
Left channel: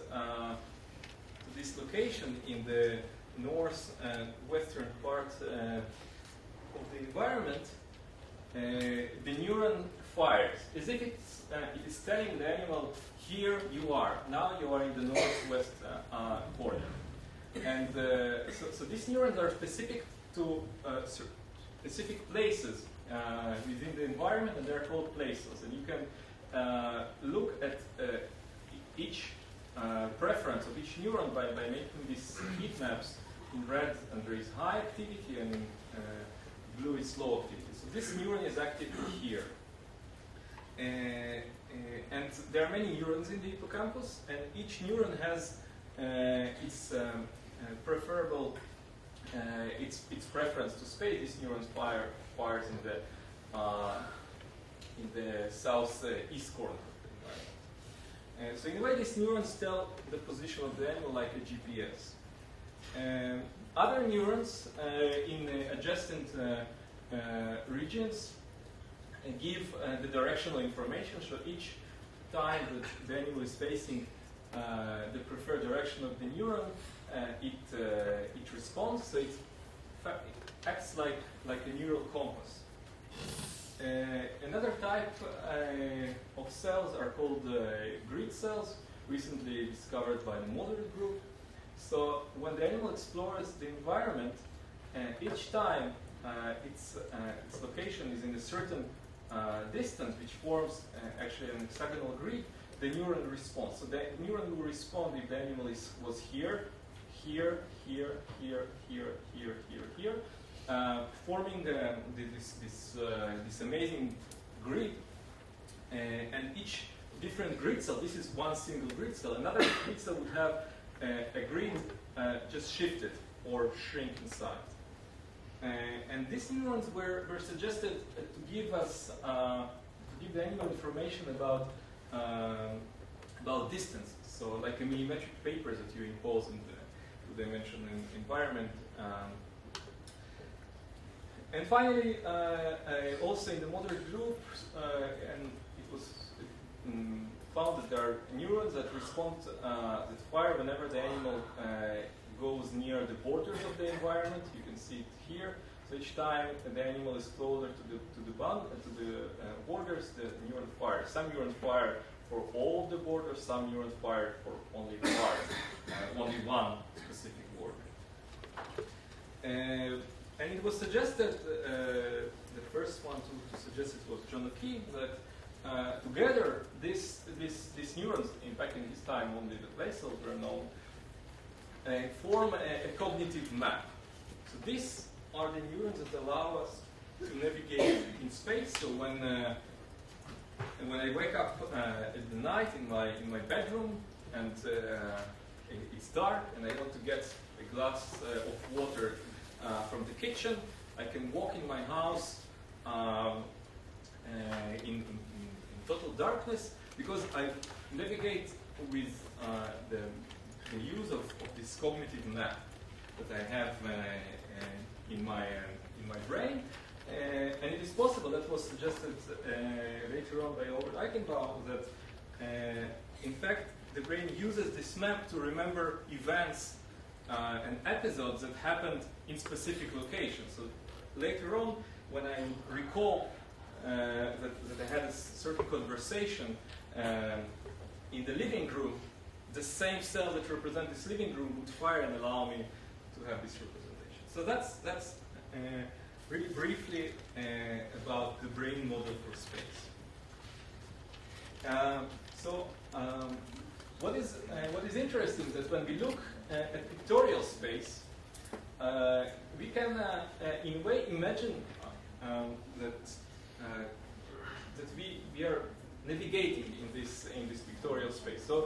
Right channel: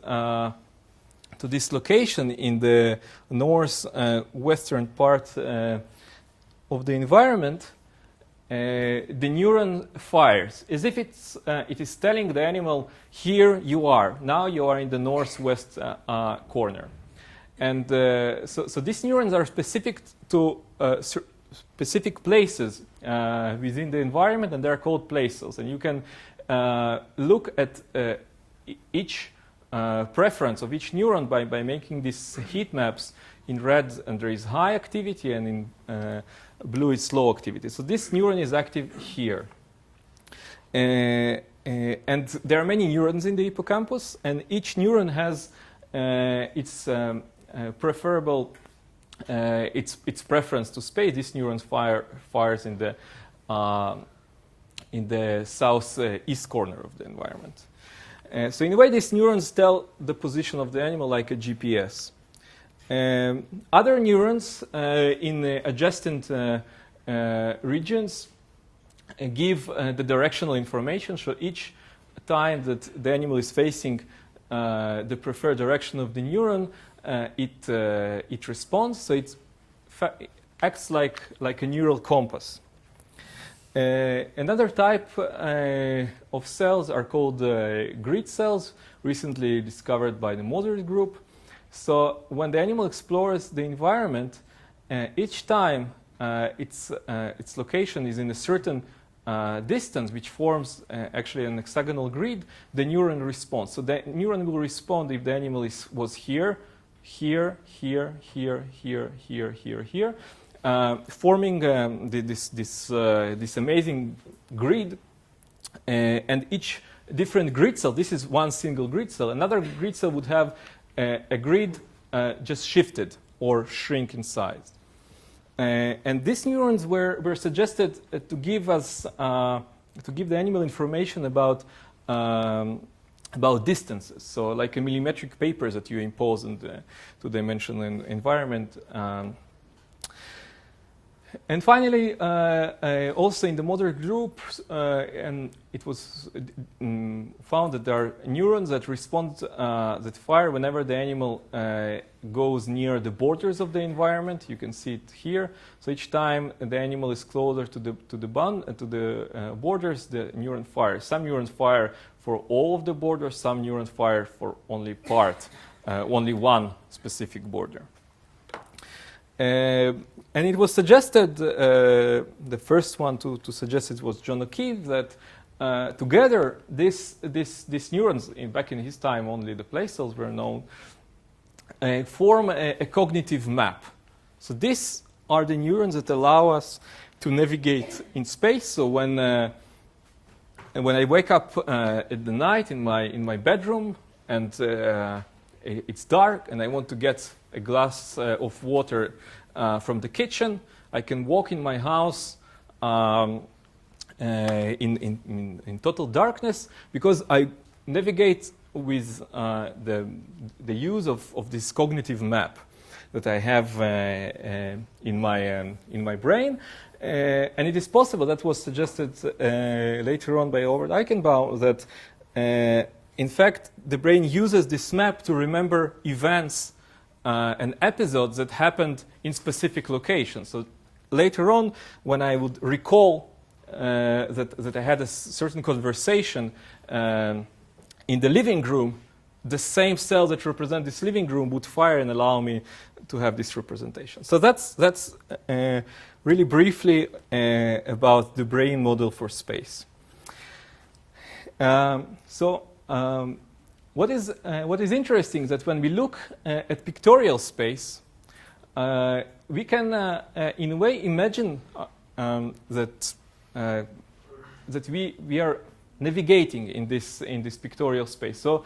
location in the northwestern part of the environment, the neuron fires, as if it is telling the animal, here you are, now you are in the northwest corner. And so these neurons are specific to specific places within the environment, and they are called place cells. And you can look at each preference of each neuron by making these heat maps. In red, and there is high activity, and in blue is low activity. So this neuron is active here. And there are many neurons in the hippocampus, and each neuron has its preferable, its preference to space. These neurons fires in the southeast corner of the environment. So in a way, these neurons tell the position of the animal like a GPS. Other neurons in adjacent regions give the directional information. So each time that the animal is facing the preferred direction of the neuron, it responds. So it acts like a neural compass. Another type of cells are called grid cells, recently discovered by the Monet group. So when the animal explores the environment, each time its location is in a certain distance, which forms actually an hexagonal grid, the neuron responds. So the neuron will respond if the animal was here, forming this amazing grid. And each different grid cell, this is one single grid cell. Another grid cell would have a grid just shifted or shrink in size. And these neurons were suggested to give us, to give the animal information about distances. So like a millimetric papers that you impose in the two-dimensional environment. And finally, also in the Monet group, and it was found that there are neurons that respond, that fire whenever the animal goes near the borders of the environment. You can see it here. So each time the animal is closer to the borders, the neuron fires. Some neurons fire for all of the borders. Some neurons fire for only only one specific border. And it was suggested, the first one to suggest it was John O'Keefe, that together these neurons, back in his time only the place cells were known, form a cognitive map. So these are the neurons that allow us to navigate in space. So when I wake up at the night in my bedroom and it's dark and I want to get a glass of water from the kitchen, I can walk in my house in total darkness because I navigate with the use of this cognitive map that I have in my brain. And it is possible, that was suggested later on by Albert Eichenbaum, that in fact the brain uses this map to remember events and episodes that happened in specific locations. So later on, when I would recall that I had a certain conversation in the living room, the same cells that represent this living room would fire and allow me to have this representation. So that's really briefly about the brain model for space. What is interesting is that when we look at pictorial space, we can, in a way, imagine that we are navigating in this pictorial space. So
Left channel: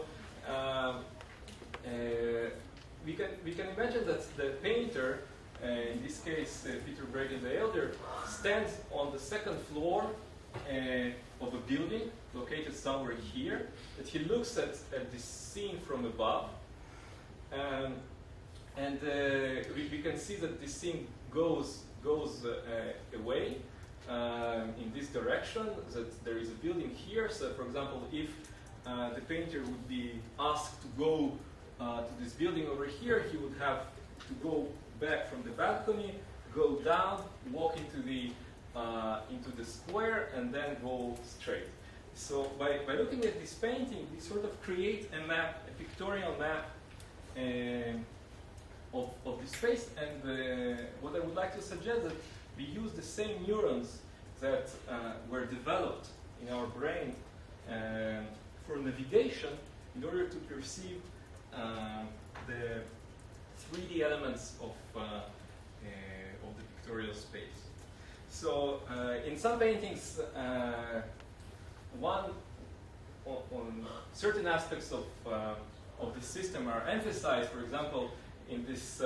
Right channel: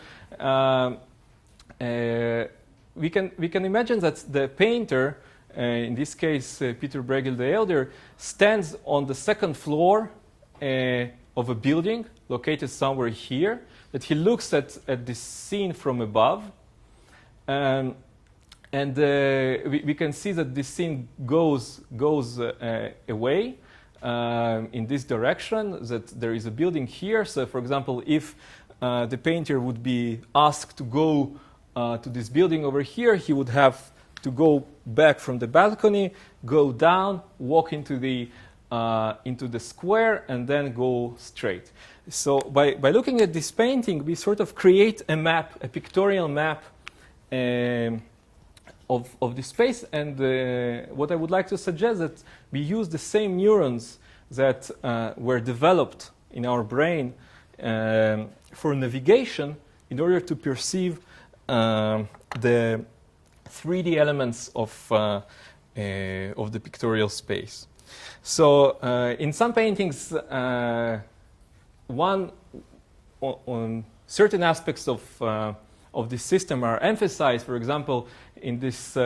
we can imagine that the painter, in this case Peter Bruegel the Elder, stands on the second floor of a building located somewhere here. That he looks at this scene from above, and we can see that this scene goes away in this direction, that there is a building here. So for example, if the painter would be asked to go to this building over here, he would have to go back from the balcony, go down, walk into the square, and then go straight. So by looking at this painting, we sort of create a map, a pictorial map of the space. And what I would like to suggest that we use the same neurons that were developed in our brain for navigation in order to perceive the 3D elements of the pictorial space. So in some paintings, on certain aspects of this system are emphasized. For example, in this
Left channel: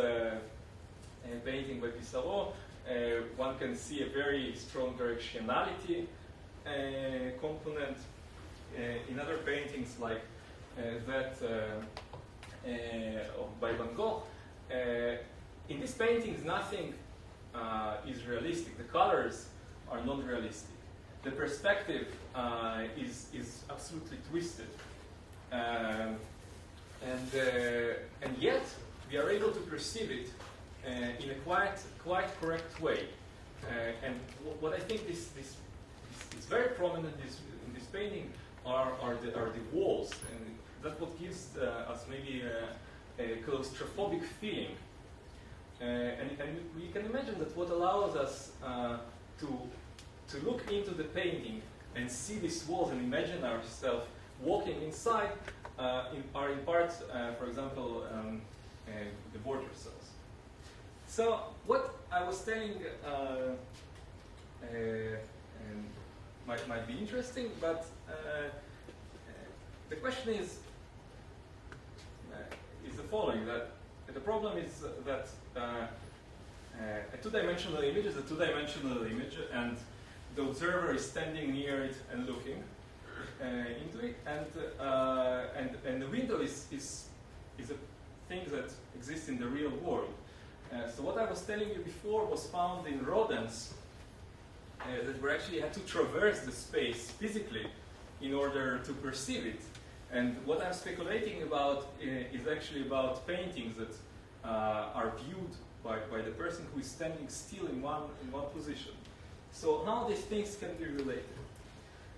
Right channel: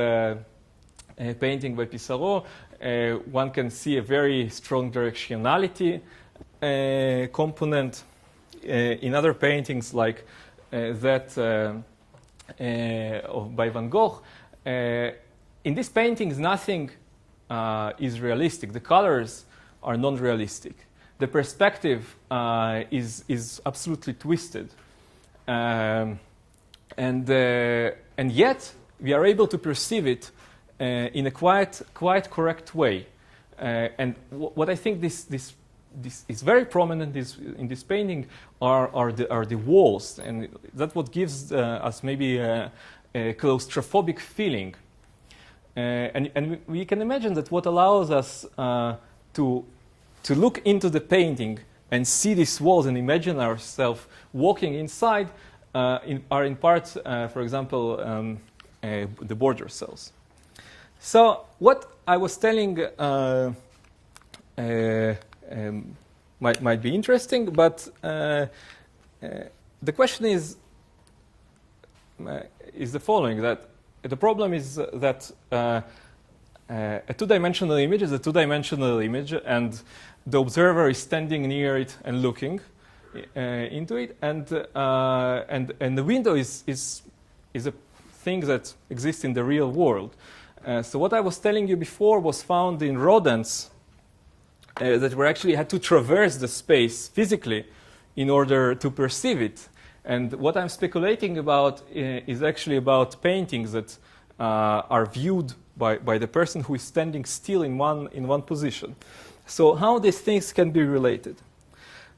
painting by Pissarro, one can see a very strong directionality component. In other paintings like that by Van Gogh, in these paintings nothing is realistic. The colors are non-realistic. The perspective is absolutely twisted, and yet we are able to perceive it in a quite correct way. And what I think this is very prominent in this painting are the walls, and that's what gives us maybe a claustrophobic feeling. And we can imagine that what allows us to look into the painting and see these walls and imagine ourselves walking inside are in part, for example, the border cells. So what I was telling might be interesting, but the question is the following: that the problem is that a two-dimensional image is a two-dimensional image, and the observer is standing near it and looking into it, and the window is a thing that exists in the real world. So what I was telling you before was found in rodents that were actually had to traverse the space physically in order to perceive it. And what I'm speculating about is actually about paintings that are viewed by the person who is standing still in one position. So how these things can be related?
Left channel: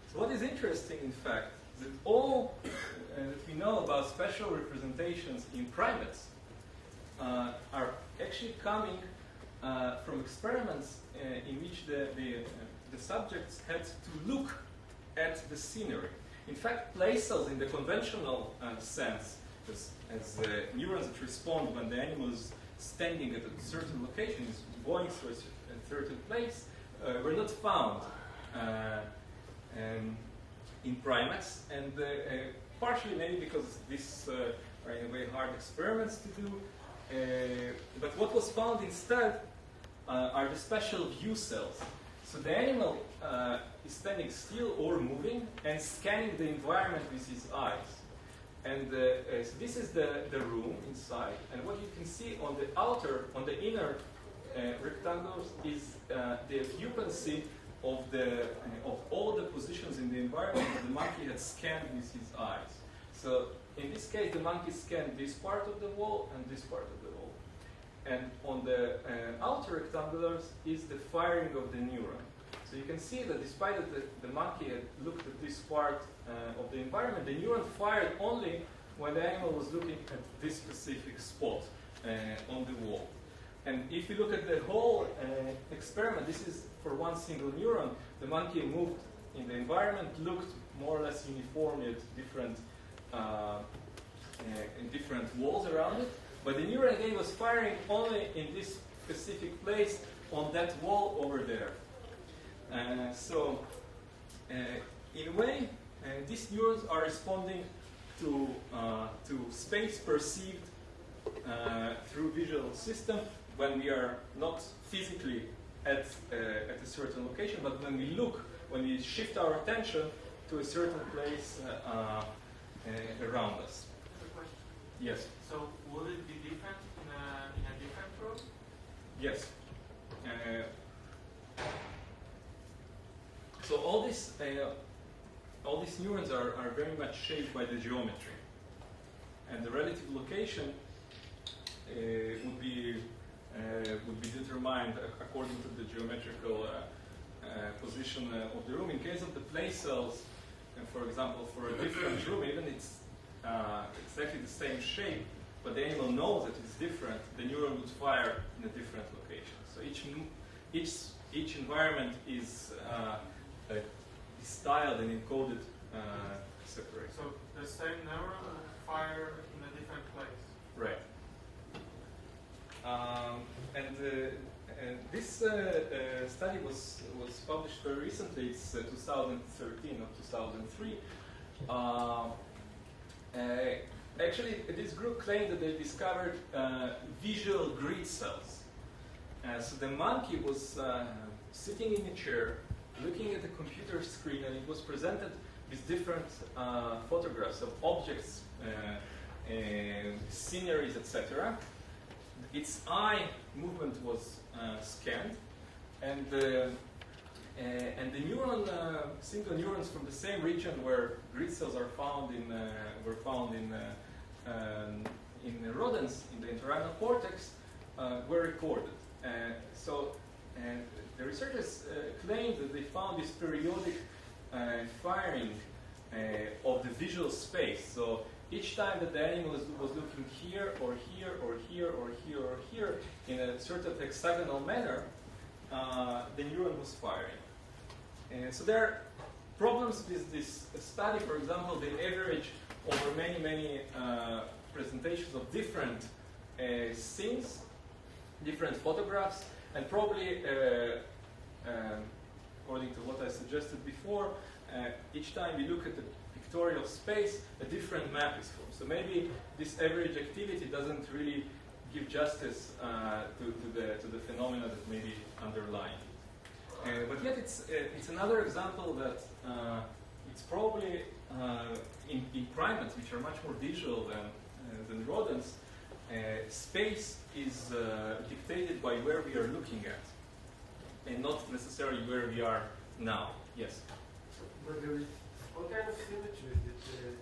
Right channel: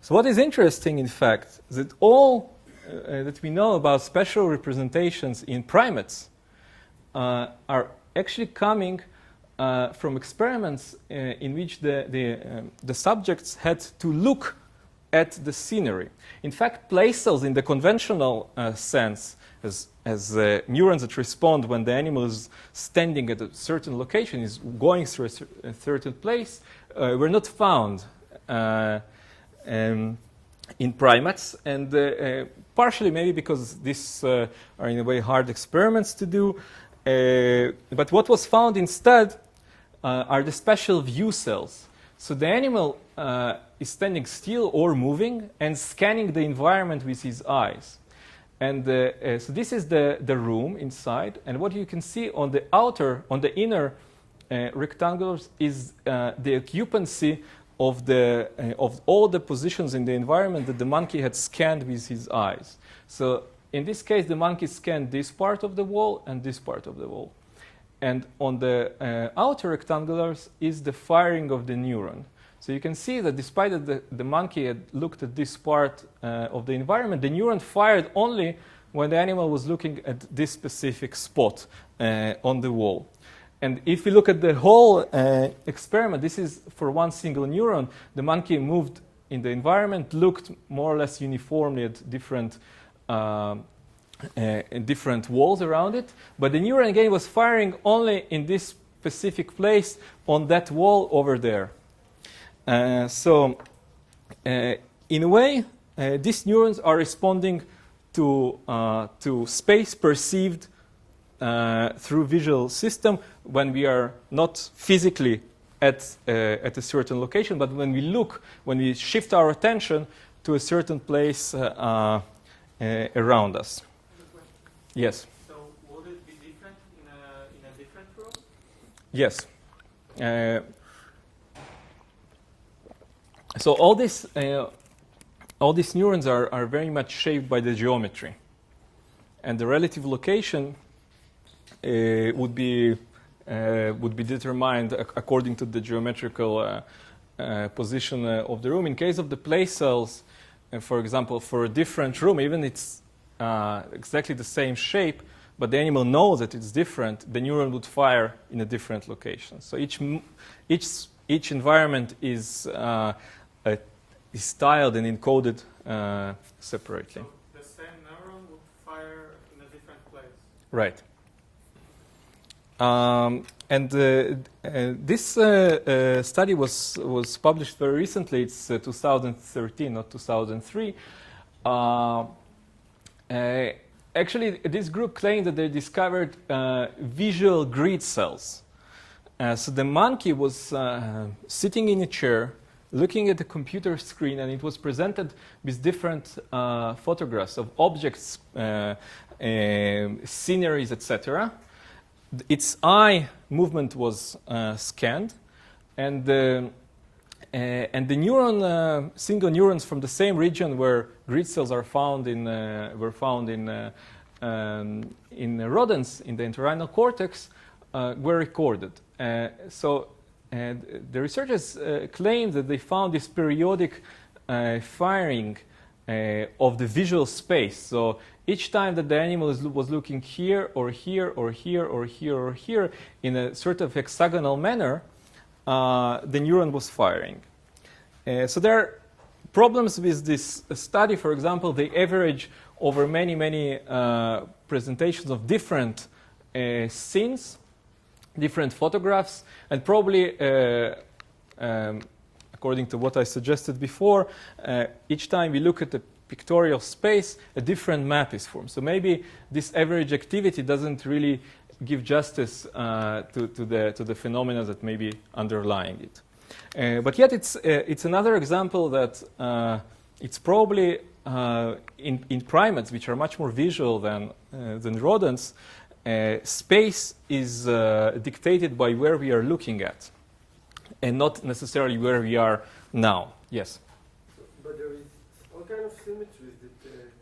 So what is interesting, in fact, is that all that we know about spatial representations in primates are actually coming from experiments in which the subjects had to look at the scenery. In fact, place cells in the conventional sense, as neurons that respond when the animal is standing at a certain location, is going through a certain place, were not found in primates, and partially maybe because these are in a way hard experiments to do. But what was found instead are the spatial view cells. So the animal is standing still or moving and scanning the environment with his eyes. And so this is the room inside. And what you can see on the inner rectangles is the occupancy of all the positions in the environment that the monkey had scanned with his eyes. So in this case, the monkey scanned this part of the wall and this part of the wall. And on the outer rectangulars is the firing of the neuron. So you can see that despite that the monkey had looked at this part of the environment, the neuron fired only when the animal was looking at this specific spot on the wall. And if you look at the whole experiment, this is for one single neuron. The monkey moved in the environment, looked more or less uniformly at different walls around it. But the neuron again was firing only in this specific place on that wall over there. So in a way, these neurons are responding to space perceived through visual system when we are not physically at a certain location, but when we shift our attention to a certain place around us. Yes. So would it be different in a different room? Yes. So all these neurons are very much shaped by the geometry, and the relative location would be determined according to the geometrical position of the room. In case of the place cells, for example, for a different room, even it's exactly the same shape, but the animal knows that it's different, the neuron would fire in a different location. So each environment is styled and encoded separately. So the same neuron would fire in a different place? Right. This study was published very recently. It's 2013, not 2003. Actually, this group claimed that they discovered visual grid cells. So the monkey was sitting in a chair, looking at the computer screen, and it was presented with different photographs of objects, sceneries, etc. Its eye movement was scanned, and the neuron, single neurons from the same region where grid cells are found in rodents in the entorhinal cortex were recorded. So the researchers claimed that they found this periodic firing of the visual space. So each time that the animal was looking here or here or here or here or here in a sort of hexagonal manner, the neuron was firing. So there are problems with this study. For example, they average over many presentations of different scenes, different photographs, and probably, according to what I suggested before, each time we look at the pictorial space, a different map is formed. So maybe this average activity doesn't really give justice to the phenomena that may be underlying it. But yet it's another example that it's probably in primates, which are much more visual than rodents, space is dictated by where we are looking at, and not necessarily where we are now. Yes? But there is all kind of symmetry that,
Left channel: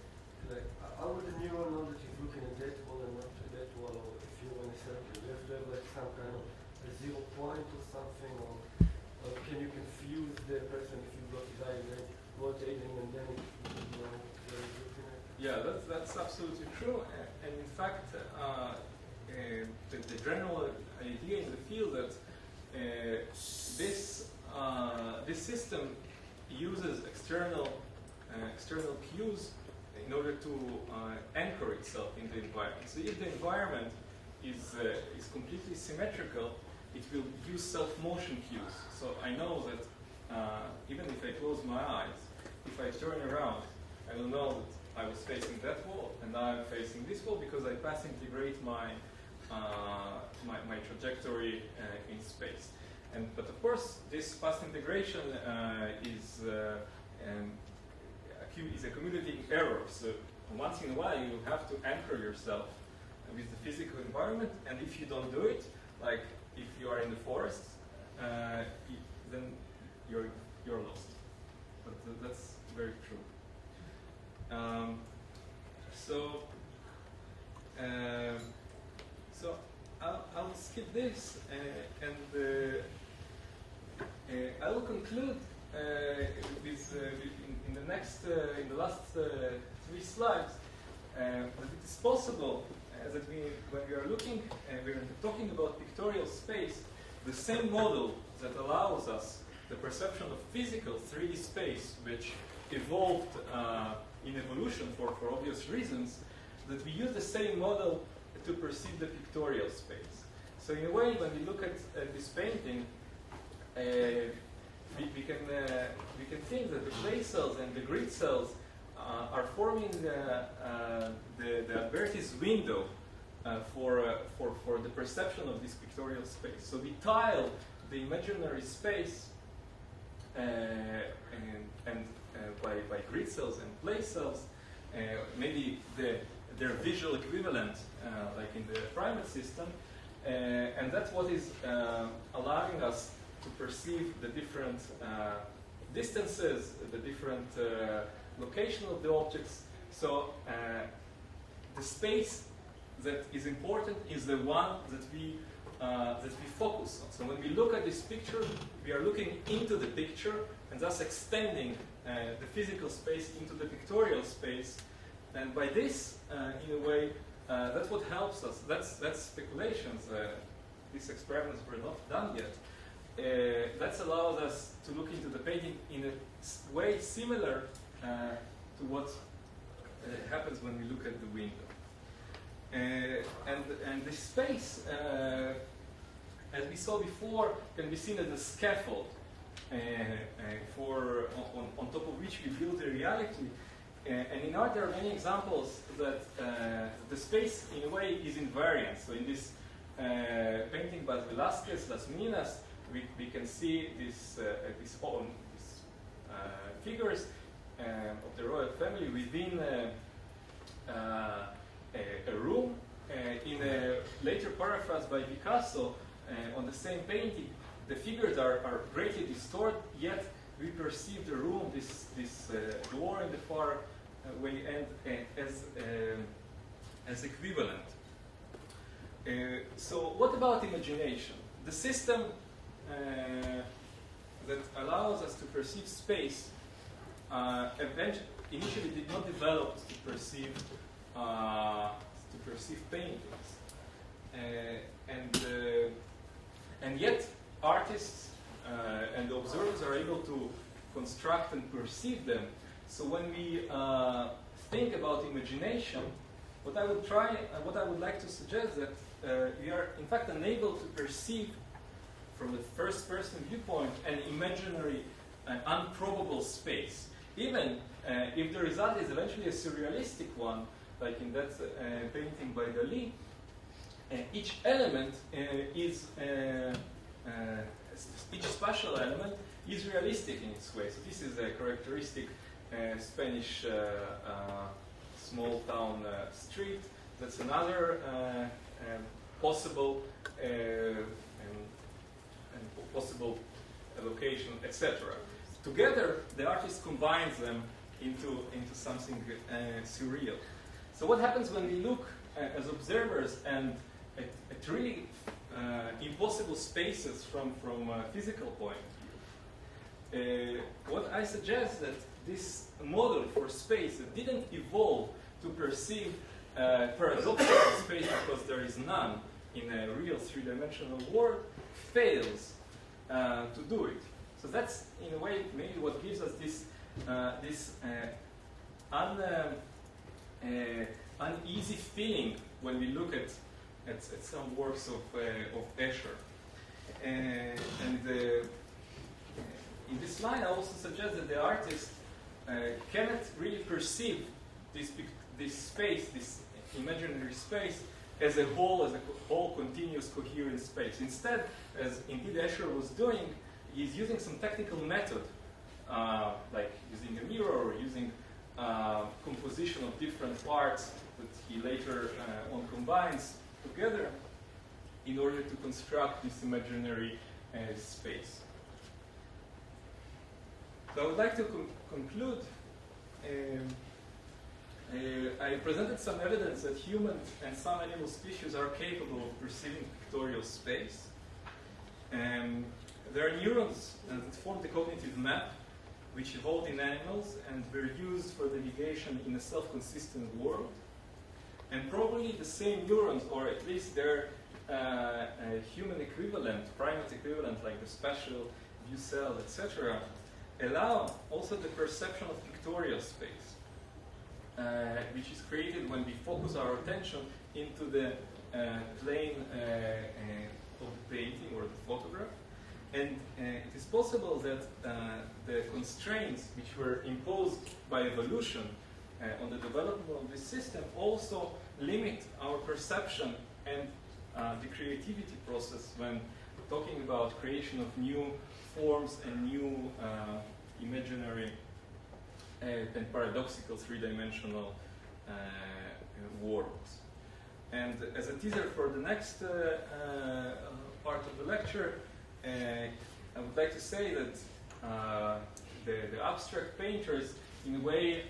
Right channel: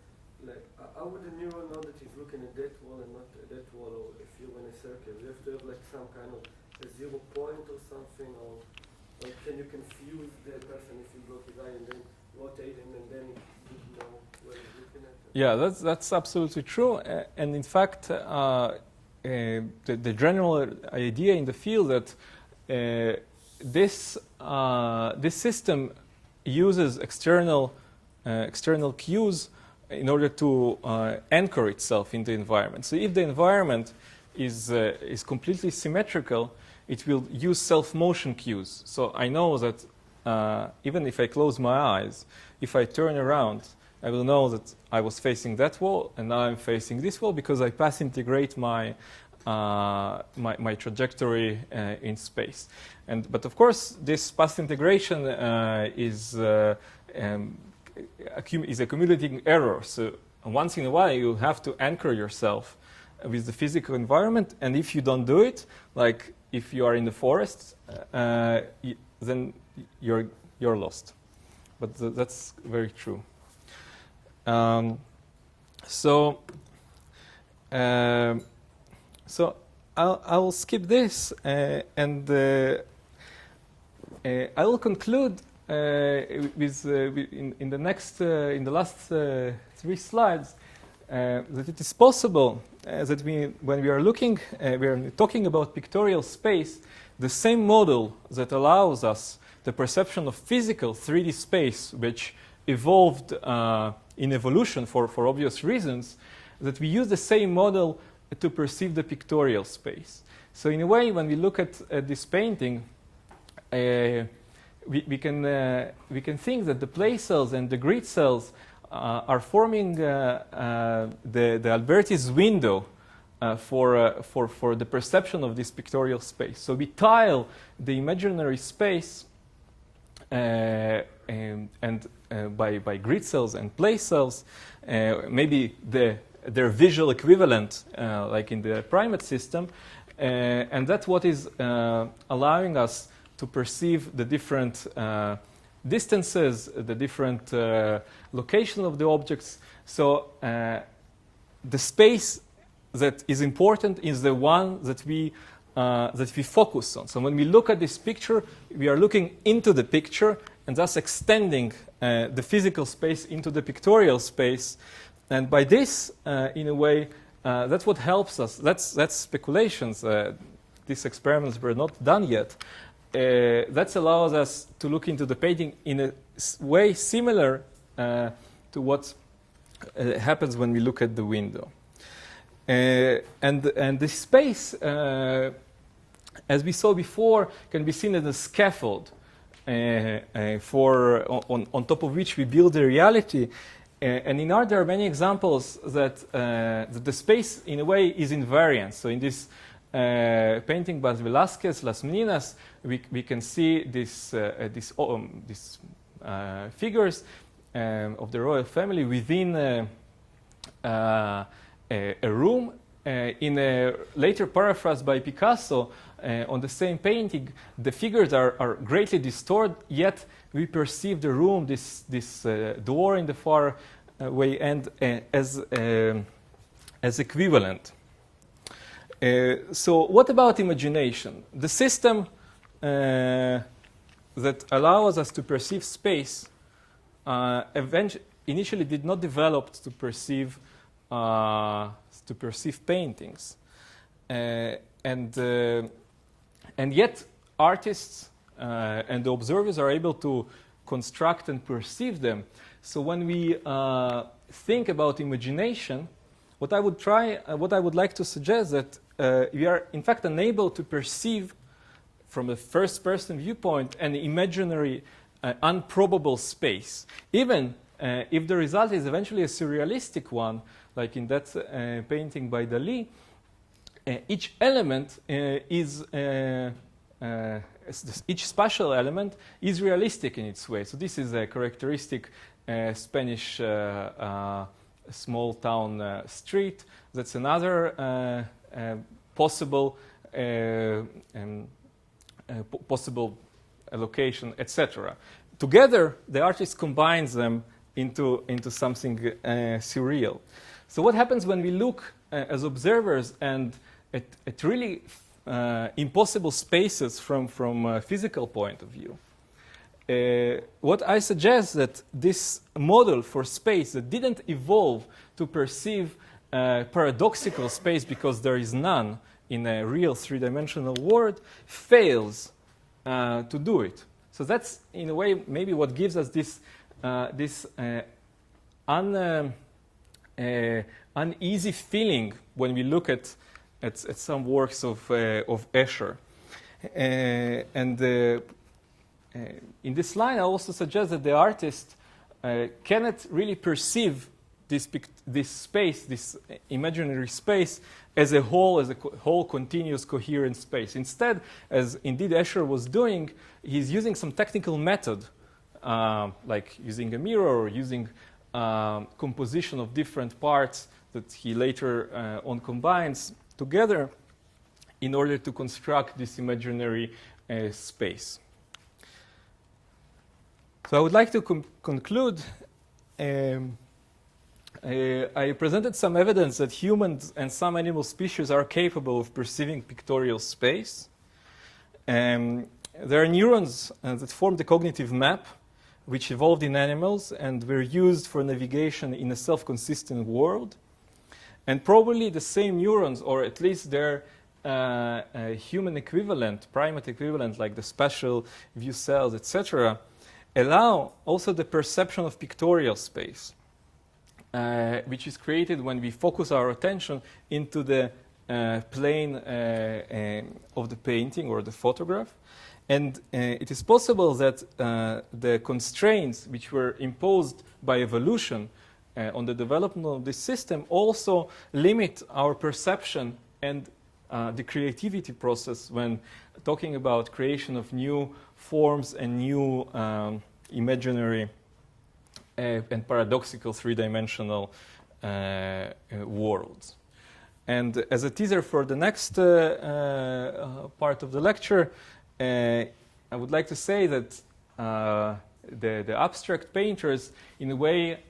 like, how would the neuron know that he's looking at that wall and not at that wall, or if you're in a circle? You have to have like some kind of a 0 point or something, or can you confuse the person if you go to die and then rotating and then you know where he's looking at? Yeah, that's absolutely true. And in fact, the general idea in the field that this system uses external cues in order to anchor itself in the environment. So if the environment is completely symmetrical, it will use self-motion cues. So I know that even if I close my eyes, if I turn around, I will know that I was facing that wall and now I'm facing this wall because I path integrate my trajectory in space. But of course, this path integration is accumulating error. So once in a while, you have to anchor yourself with the physical environment. And if you don't do it, like if you are in the forest, then you're lost. But that's very true. So I'll skip this and I will conclude with in the last 3 slides that it is possible that when we are talking about pictorial space, the same model that allows us the perception of physical 3D space, which evolved in evolution for obvious reasons, that we use the same model to perceive the pictorial space. So in a way, when we look at this painting, we can think that the place cells and the grid cells are forming the Alberti's window for the perception of this pictorial space. So we tile the imaginary space by grid cells and place cells, maybe their visual equivalent, like in the primate system, and that's what is allowing us to perceive the different distances, the different location of the objects. So the space that is important is the one that we focus on. So when we look at this picture, we are looking into the picture and thus extending the physical space into the pictorial space. And by this, in a way, that's what helps us. That's speculations. These experiments were not done yet. That allows us to look into the painting in a way similar to what happens when we look at the window. And the space, as we saw before, can be seen as a scaffold on top of which we build the reality. And in art, there are many examples that the space, in a way, is invariant. So in this painting by Velázquez, Las Meninas, we can see these figures of the royal family within a room. In a later paraphrase by Picasso, on the same painting, the figures are greatly distorted, yet we perceive the room, this door in the far way end, as equivalent. So what about imagination? The system that allows us to perceive space initially did not develop to perceive paintings, and yet artists and the observers are able to construct and perceive them. So when we think about imagination, what I would like to suggest that we are in fact unable to perceive from a first-person viewpoint an imaginary, unprobable space, even if the result is eventually a surrealistic one, like in that painting by Dali. Each element each spatial element is realistic in its way. So this is a characteristic Spanish small town street. That's another possible location, etc. Together, the artist combines them into something surreal. So what happens when we look as observers and at really impossible spaces from a physical point of view? What I suggest that this model for space that didn't evolve to perceive paradoxical space because there is none in a real three-dimensional world fails to do it. So that's, in a way, maybe what gives us this uneasy feeling when we look at some works of Escher. In this line, I also suggest that the artist cannot really perceive this space, this imaginary space, as a whole continuous coherent space. Instead, as indeed Escher was doing, he's using some technical method, like using a mirror or using composition of different parts that he later on combines together in order to construct this imaginary space. So I would like to conclude. I presented some evidence that humans and some animal species are capable of perceiving pictorial space. There are neurons that form the cognitive map, which evolved in animals and were used for navigation in a self-consistent world. And probably the same neurons, or at least their human equivalent, primate equivalent, like the spatial view cells, etc., allow also the perception of pictorial space, which is created when we focus our attention into the plane of the painting or the photograph. And it is possible that the constraints which were imposed by evolution on the development of this system also limit our perception and the creativity process when talking about creation of new forms and new imaginary and paradoxical three-dimensional worlds. And as a teaser for the next part of the lecture, I would like to say that the abstract painters, in a way,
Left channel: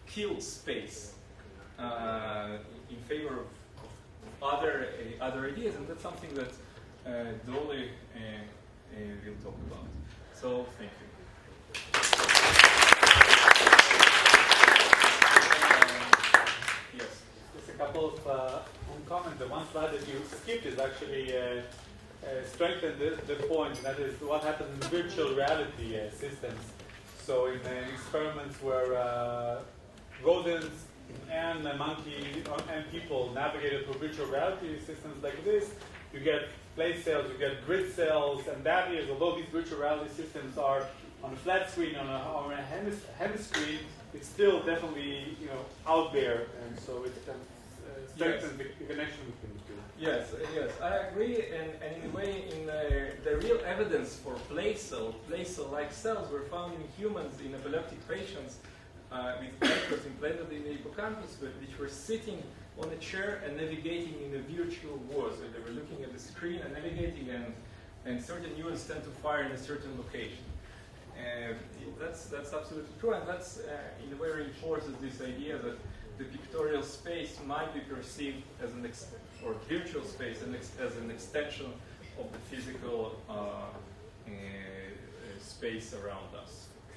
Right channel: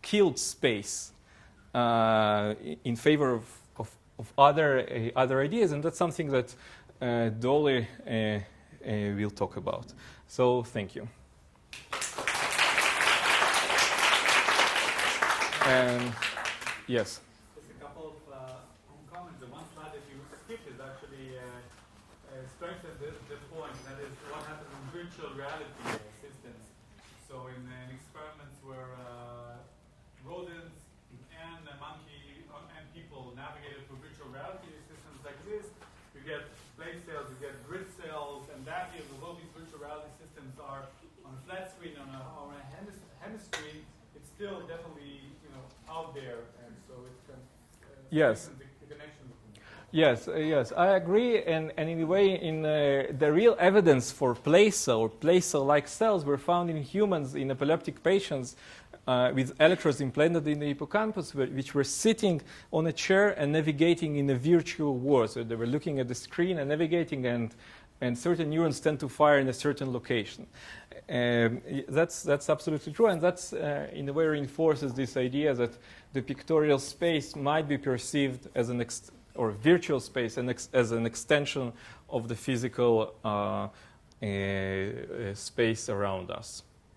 killed space in favor of other ideas, and that's something that Dolly will talk about. So, thank you. Yes. Just a couple of comments. The one slide that you skipped is actually strengthened the point, and that is what happens in virtual reality systems. So in experiments where rodents and a monkey and people navigated through virtual reality systems like this, you get place cells, you get grid cells, and that is, although these virtual reality systems are on a flat screen, on a hemiscreen, it's still definitely out there, and so it strengthens the connection between the two. Yes, I agree. And in a way, the real evidence for place cell-like cells were found in humans, in epileptic patients, with electrodes implanted in the hippocampus, which were sitting on a chair and navigating in a virtual world. So they were looking at the screen and navigating, and certain neurons tend to fire in a certain location. That's absolutely true, and that's in a way reinforces this idea that the pictorial space might be perceived as or virtual space as an extension of the physical space around us.